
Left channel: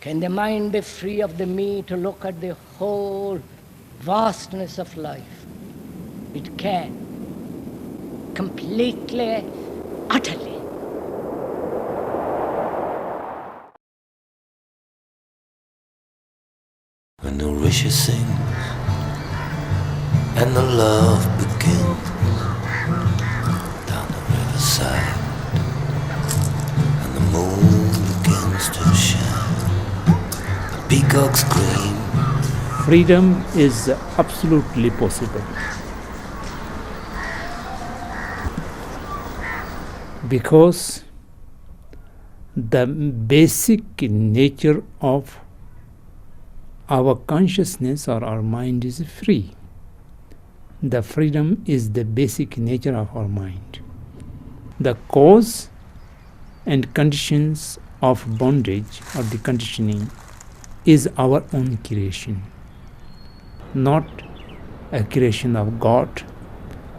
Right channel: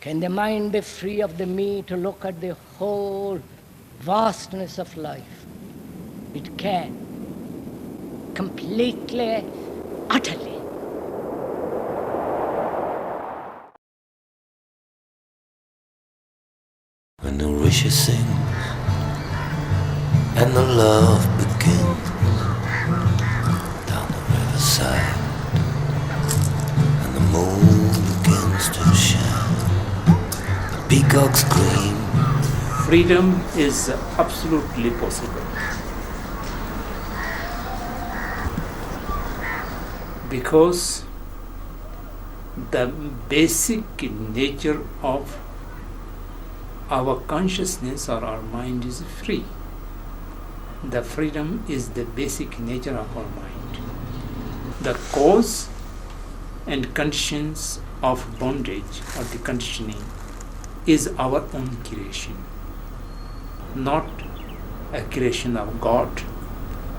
Can the mind be free of the me to look at the whole vastness of life? It can. Completely, utterly. When the rishi sings and the love begins down the riverside, and the moon begins to shine, the peacocks scream. Freedom is absolutely possible. Because the basic nature of our consciousness or our mind is free. The freedom is the basic nature of our mind. The cause and conditions of bondage, of the conditioning, is our own creation, not a creation of God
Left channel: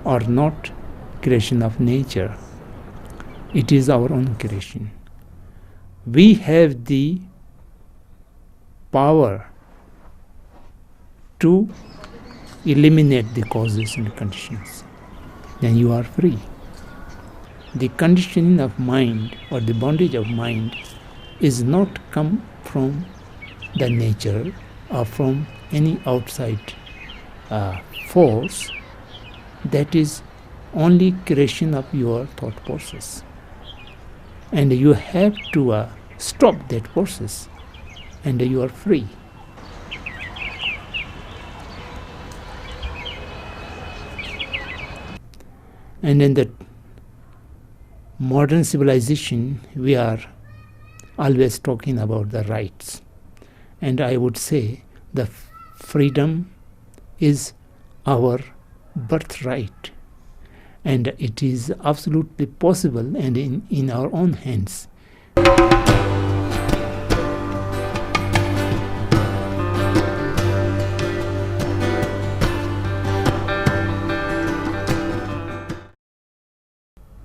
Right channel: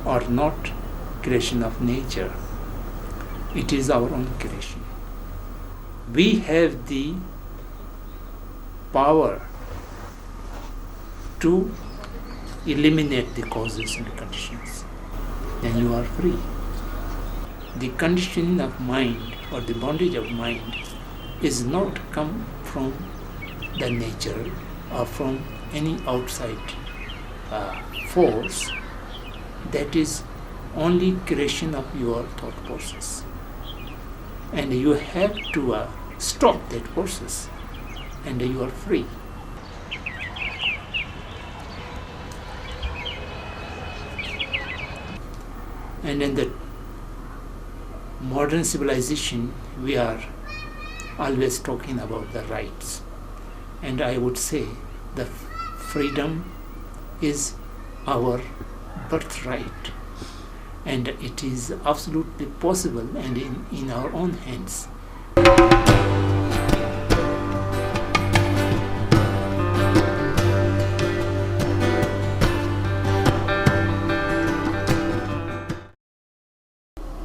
or not creation of nature. It is our own creation. We have the power to eliminate the causes and conditions. Then you are free. The conditioning of mind or the bondage of mind is not come from the nature or from any outside force. That is only creation of your thought process. And you have to stop that process, and you are free. And in the modern civilization, we are always talking about the rights. And I would say the freedom is our birthright. And it is absolutely possible and in our own hands.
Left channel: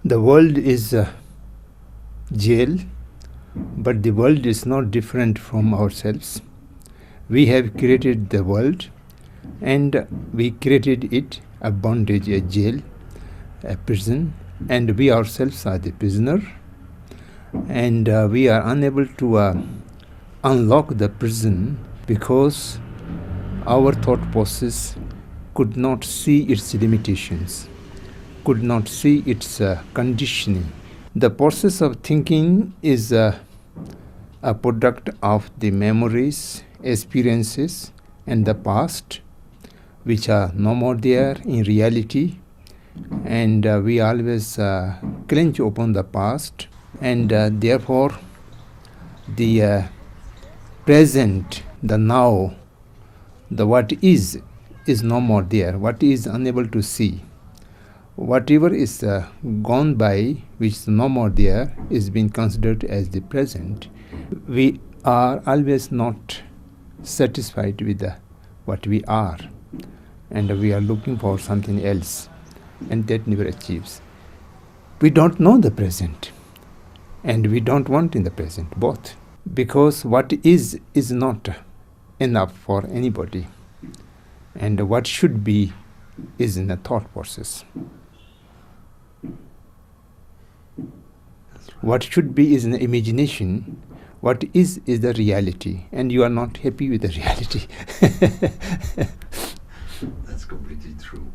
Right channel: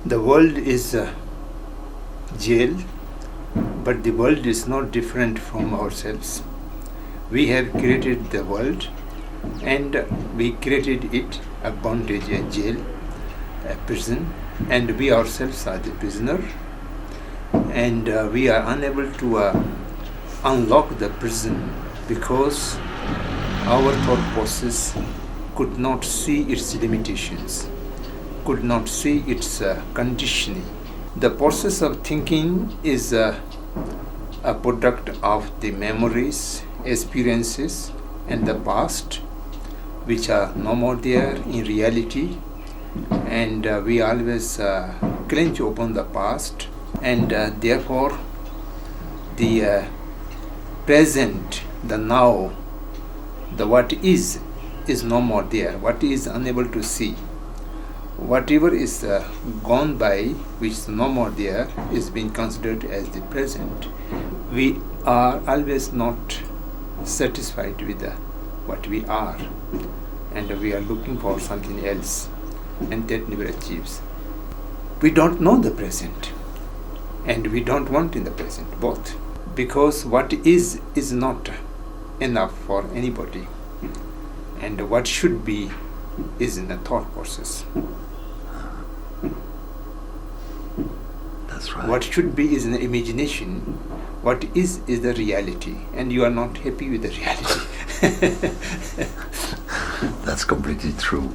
The world is a jail, but the world is not different from ourselves. We have created the world, and we created it a bondage, a jail, a prison, and we ourselves are the prisoner, and we are unable to unlock the prison because our thought process could not see its limitations, could not see its conditioning. The process of thinking is a product of the memories, experiences, and the past, which are no more there in reality. And we always cling upon the past, and therefore the present, the now, the what is no more there. What is unable to see. Whatever is gone by, which is no more there, is being considered as the present. We are always not satisfied with what we are, and we are looking for something else, and that never achieves. We don't know the present, and we don't want in the present, both, because what is not enough for anybody, and what should be is in the thought process. That's right. What should be is an imagination. What is the reality, and you are not happy with the reality. That's completely true.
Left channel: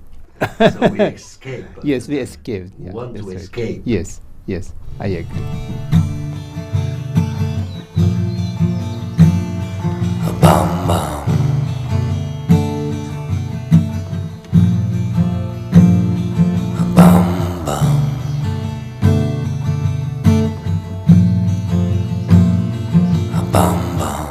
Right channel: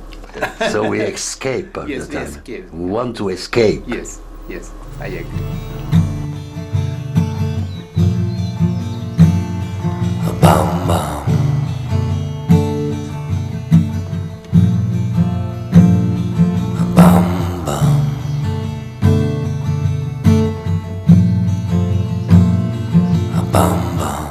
So we escape. Yes, we escape. We want to escape. Yes, I agree. Bam bam. Bam bam. Bam bam.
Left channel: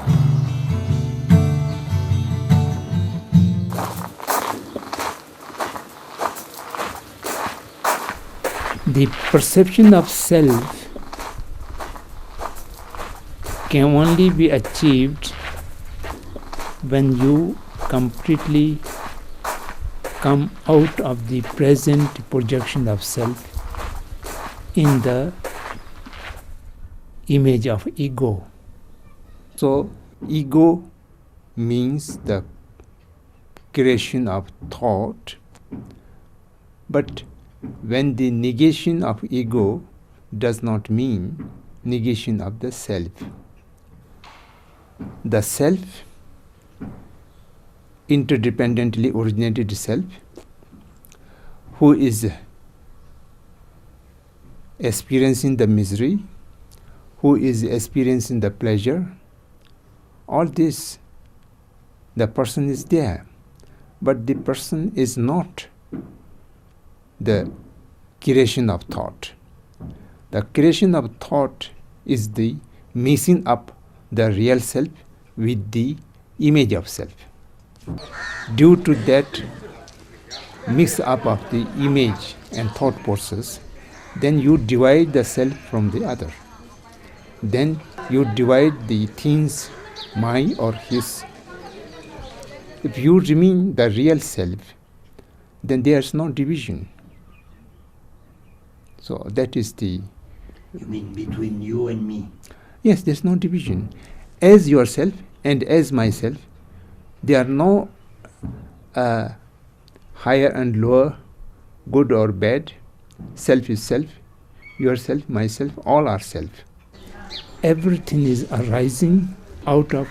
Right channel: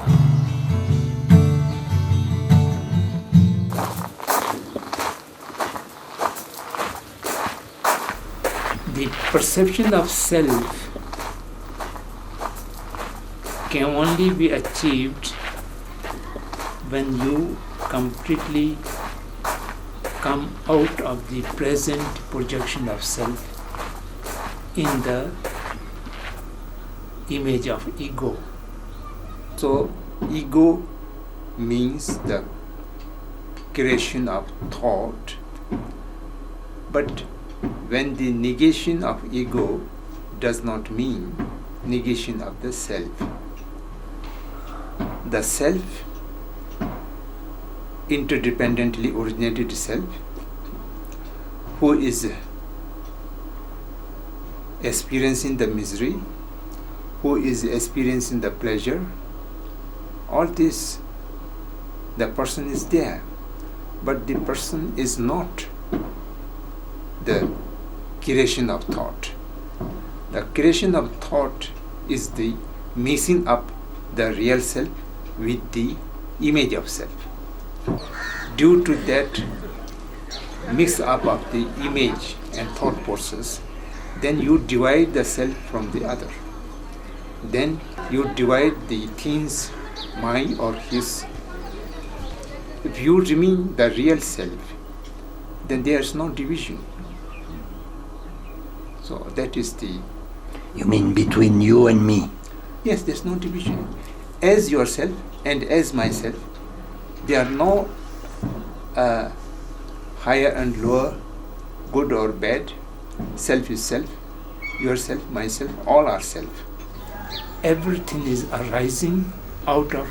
The perception of self can only be achieved when you completely come out of the present projection of self in the image of ego. So ego means the creation of thought, but when the negation of ego does not mean negation of the self. The self, interdependently originated self, who is experiencing the misery, who is experiencing the pleasure, all this, the person is there, but the person is not the creation of thought. The creation of thought is the mixing up the real self with the image of self. Due to that mix up of the image and thought process, then you divide the self from the other. Then you divide the things, my or his. If you remain the real self, then there is no division. So that is the You mean between you and me? Yes, there's no division. As yourself and as myself, there are no higher and lower, good or bad. Self is self, yourself, myself, all are self. Everything is arising out of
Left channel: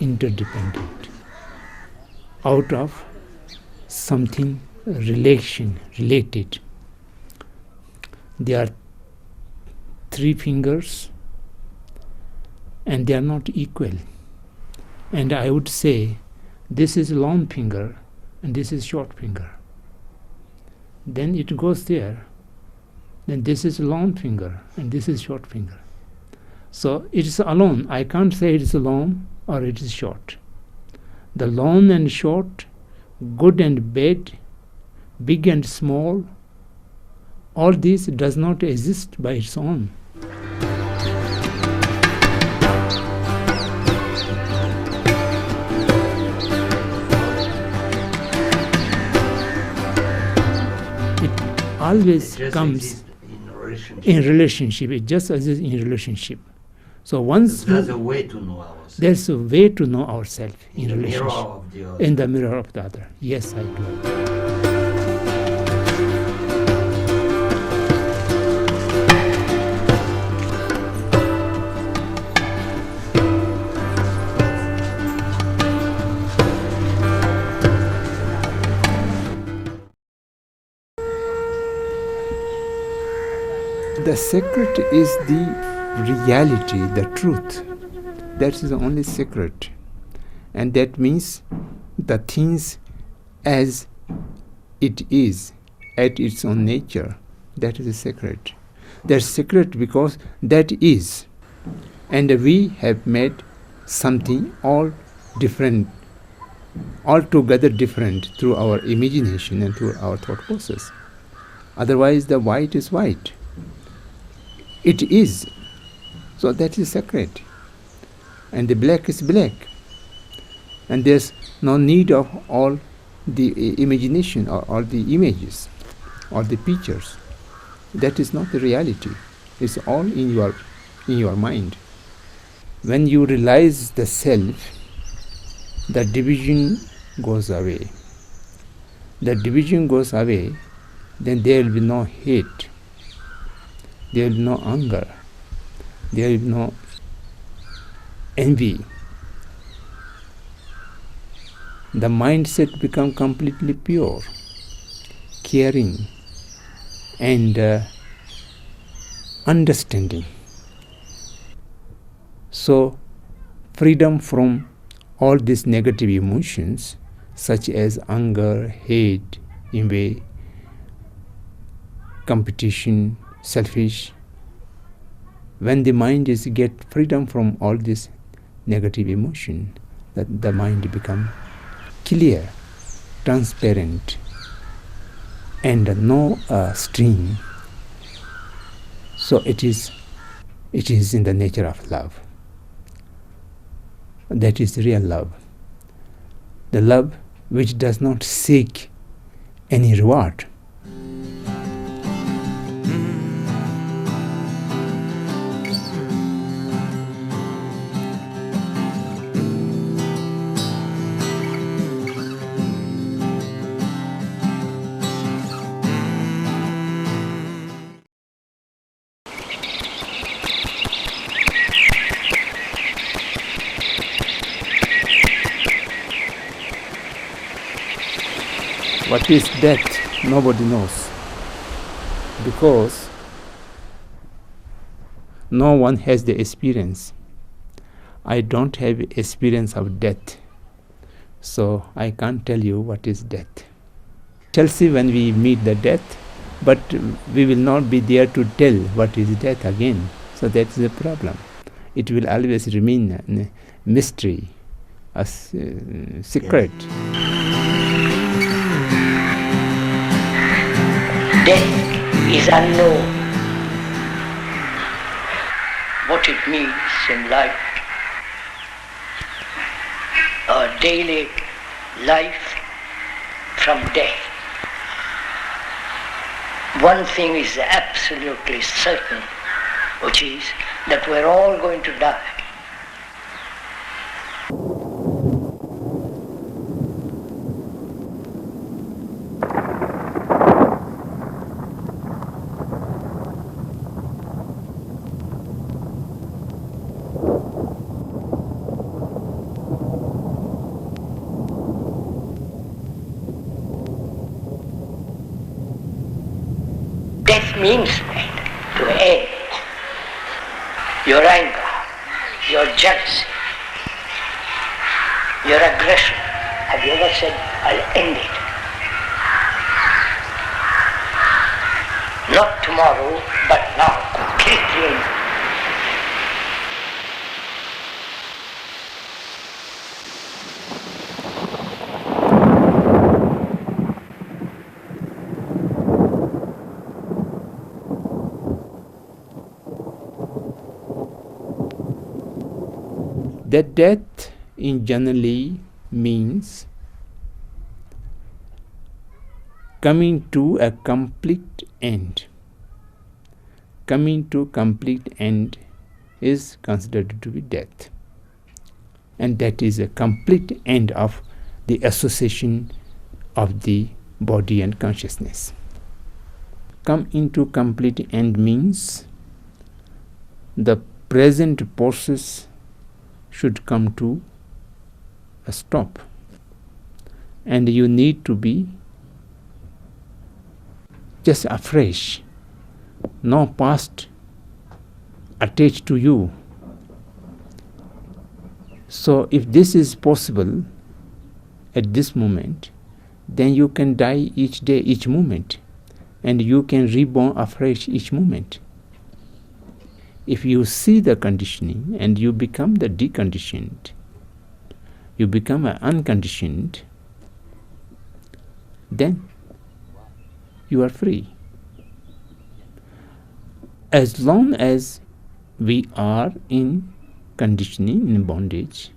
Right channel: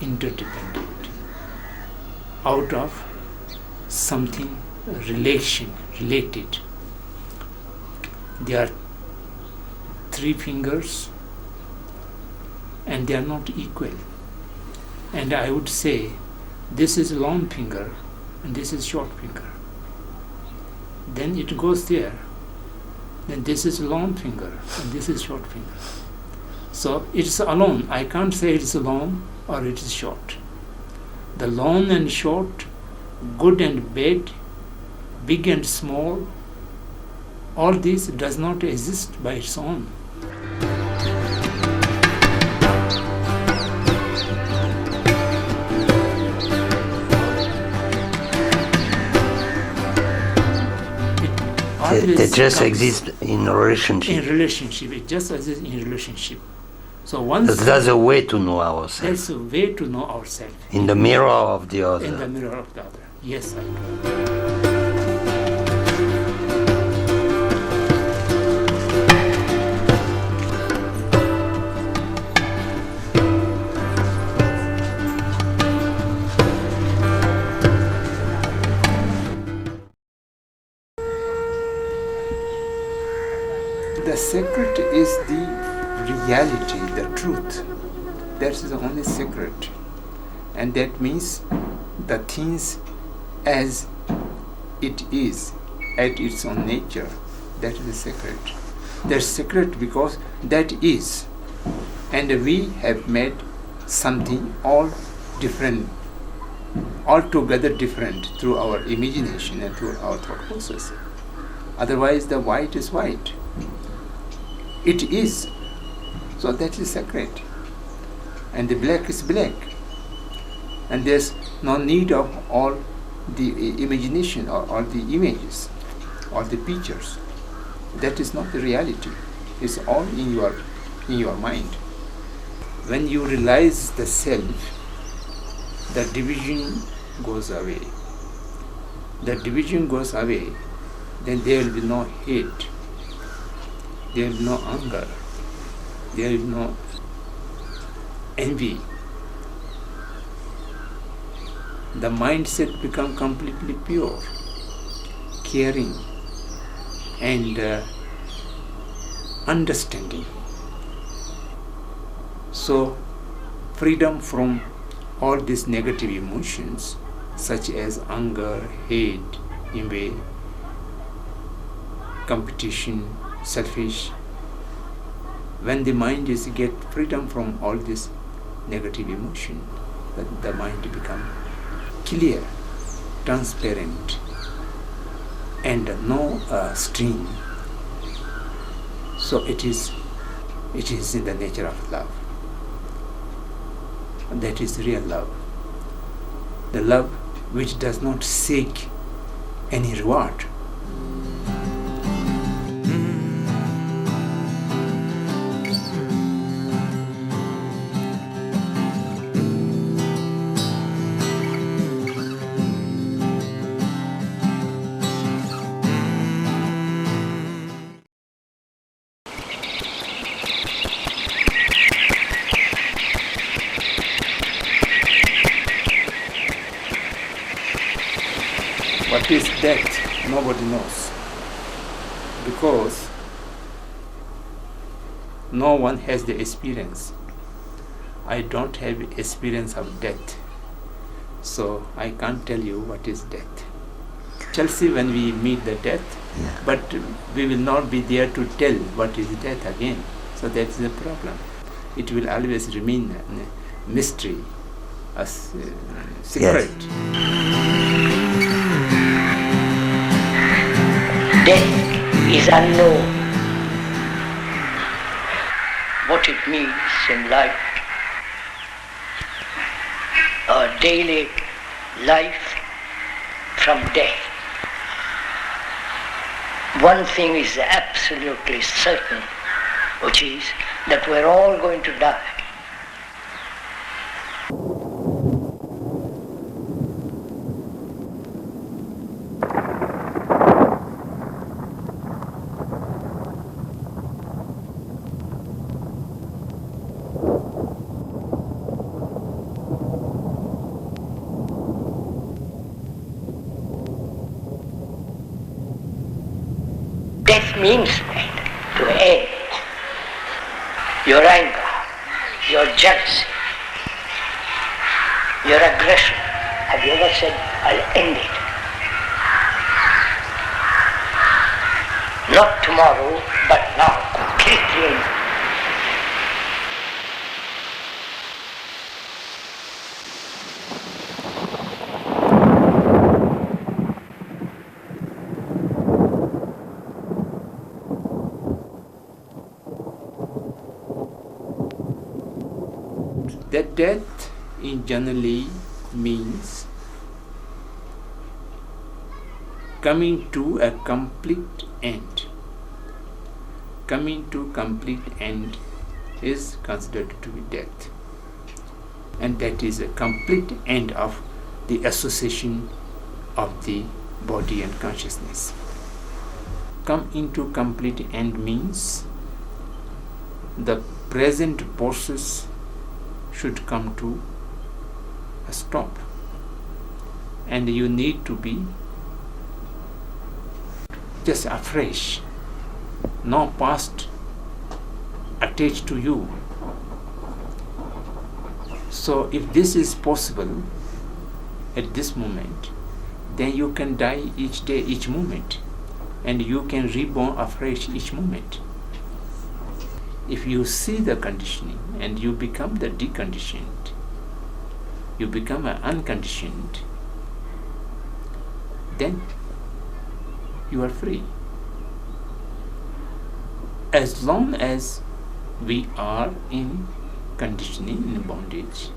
interdependent, out of something related. There are 3 fingers and they are not equal. And I would say this is long finger and this is short finger. Then it goes there. Then this is long finger and this is short finger. So it is alone. I can't say it is long or it is short. The long and short, good and bad, big and small, all this does not exist by its own. It just exists in a relationship. In relationship, it just exists in relationship. So once there's a way to know ourselves. There's a way to know ourselves. In the mirror of the other. In the mirror of the other. Yes, I do. The secret is the reality, the truth. That is the only secret. And that means the things as it is, at its own nature. That is the secret. That's secret because that is. And we have made something all different, altogether different through our imagination and through our thought process. Otherwise the white is white. It is. So that is secret. And the black is black. And there's no need of all the imagination or all the images or the pictures. That is not the reality. It's all in your mind. When you realize the self, the division goes away. The division goes away, then there will be no hate. There will be no anger. There will be no envy. The mindset becomes completely pure, caring, and understanding. So, freedom from all these negative emotions, such as anger, hate, envy, competition, selfish. When the mind is get freedom from all this negative emotion, that the mind become clear, transparent, and no stream. So it is in the nature of love. That is real love. The love which does not seek any reward. What is death? Nobody knows. Because no one has the experience. I don't have experience of death. So I can't tell you what is death. Shall see when we meet the death, but we will not be there to tell what is death again. So that is the problem. It will always remain a mystery, a secret. Yes. Death is unknown. What it means in life, our daily life from death. One thing is absolutely certain, which is that we're all going to die. Death means to end your anger, your jealousy, your aggression. Have you ever said, I'll end it? Not tomorrow, but now, completely end it. That death in generally means coming to a complete end. Coming to complete end is considered to be death. And that is a complete end of the association of the body and consciousness. Come into complete end means the present process should come to a stop, and you need to be just afresh, no past attached to you. So if this is possible at this moment, then you can die each day, each moment, and you can reborn afresh each moment. If you see the conditioning and you become the deconditioned, you become unconditioned, then you are free. As long as we are in conditioning, in bondage,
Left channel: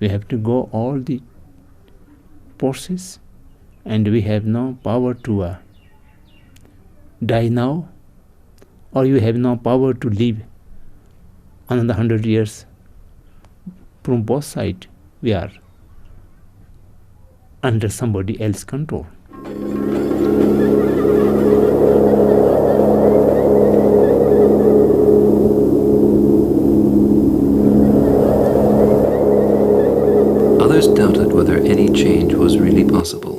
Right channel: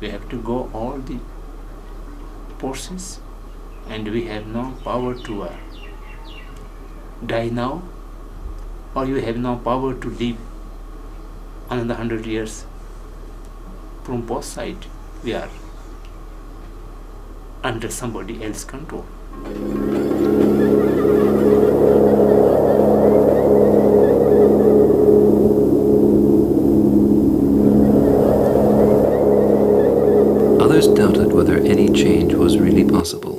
we have to go all the process, and we have no power to die now, or you have no power to live another 100 years. From both sides, we are under somebody else's control. Others doubted whether any change was really possible.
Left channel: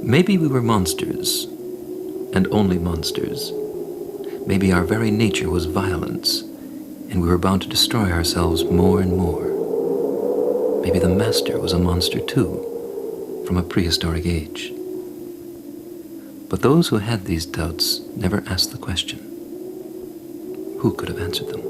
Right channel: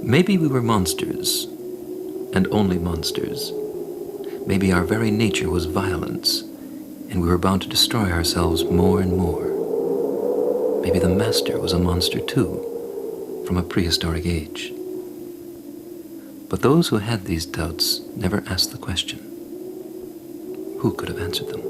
Maybe we were monsters, and only monsters. Maybe our very nature was violence, and we were bound to destroy ourselves more and more. Maybe the Master was a monster too, from a prehistoric age. But those who had these doubts never asked the question. Who could have answered them?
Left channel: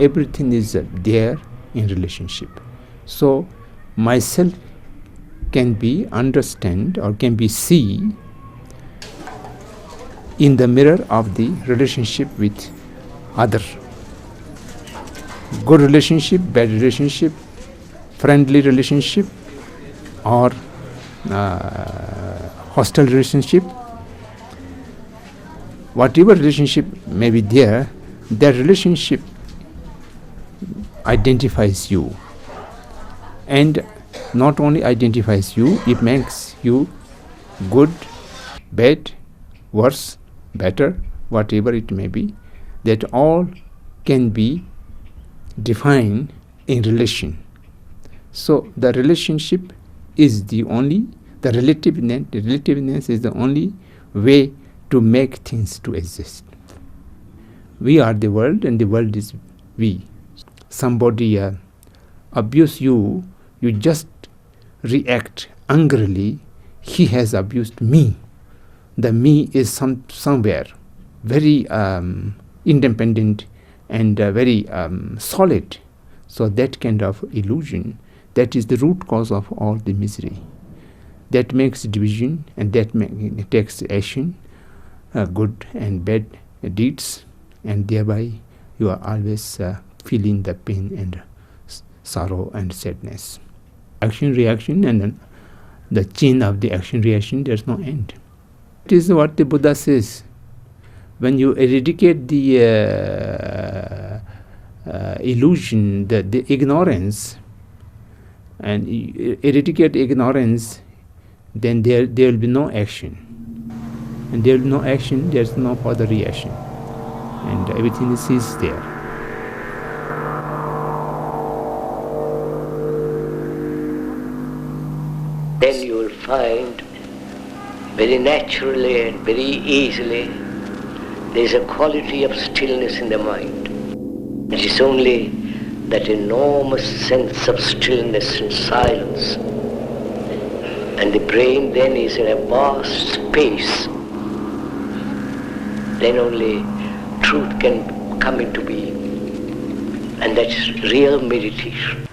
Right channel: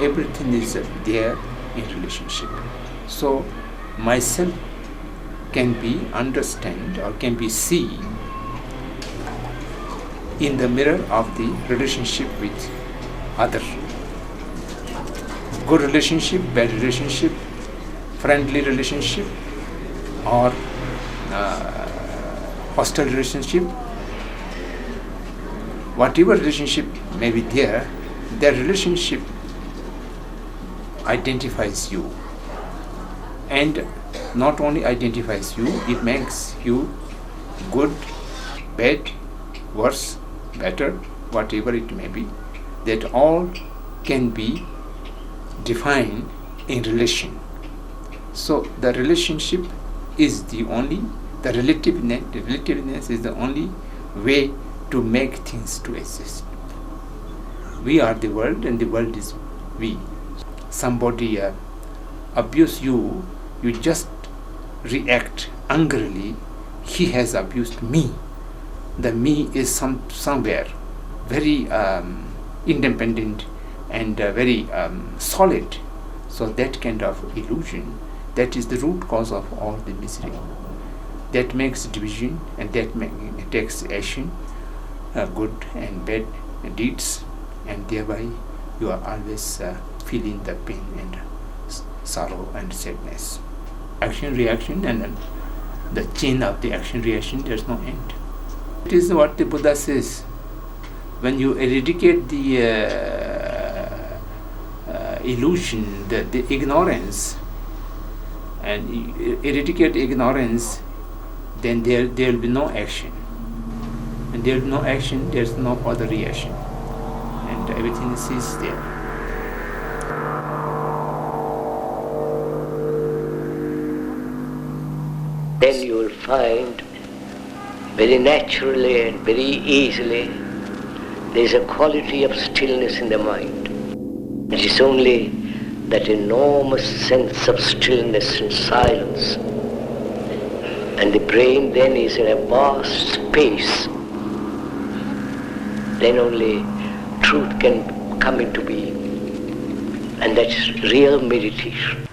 Everything is there in relationship. So myself can be understand or can be seen in the mirror of the relationship with other. Good relationship, bad relationship, friendly relationship, or hostile relationship. Whatever relationship may be there, that relationship identifies you, and not only identifies you, it makes you good, bad, worse, better, whatever it may be, that all can be defined in relation. So the relationship is the relativeness is the only way to make things to exist. We are the world and the world is we. Somebody abuse you, you just react angrily. He has abused me. The me is somewhere very independent and very solid. So that kind of illusion, that is the root cause of all the misery. That makes division, and that takes action, good and bad deeds, and thereby you are always feeling the pain and sorrow and sadness. Action, reaction, and the chain of the action, reaction, there's no end. It is what the Buddha says. When you eradicate the illusion, the ignorance, and eradicate ignorance, then there will be no action. And there will be no action, there's no further reaction. And everything is there. Then you will find very naturally and very easily there is a quality of stillness in the mind. It is only that enormous sense of stillness and silence. And the brain then is in a vast space. Then only truth can come into being. And that's real meditation.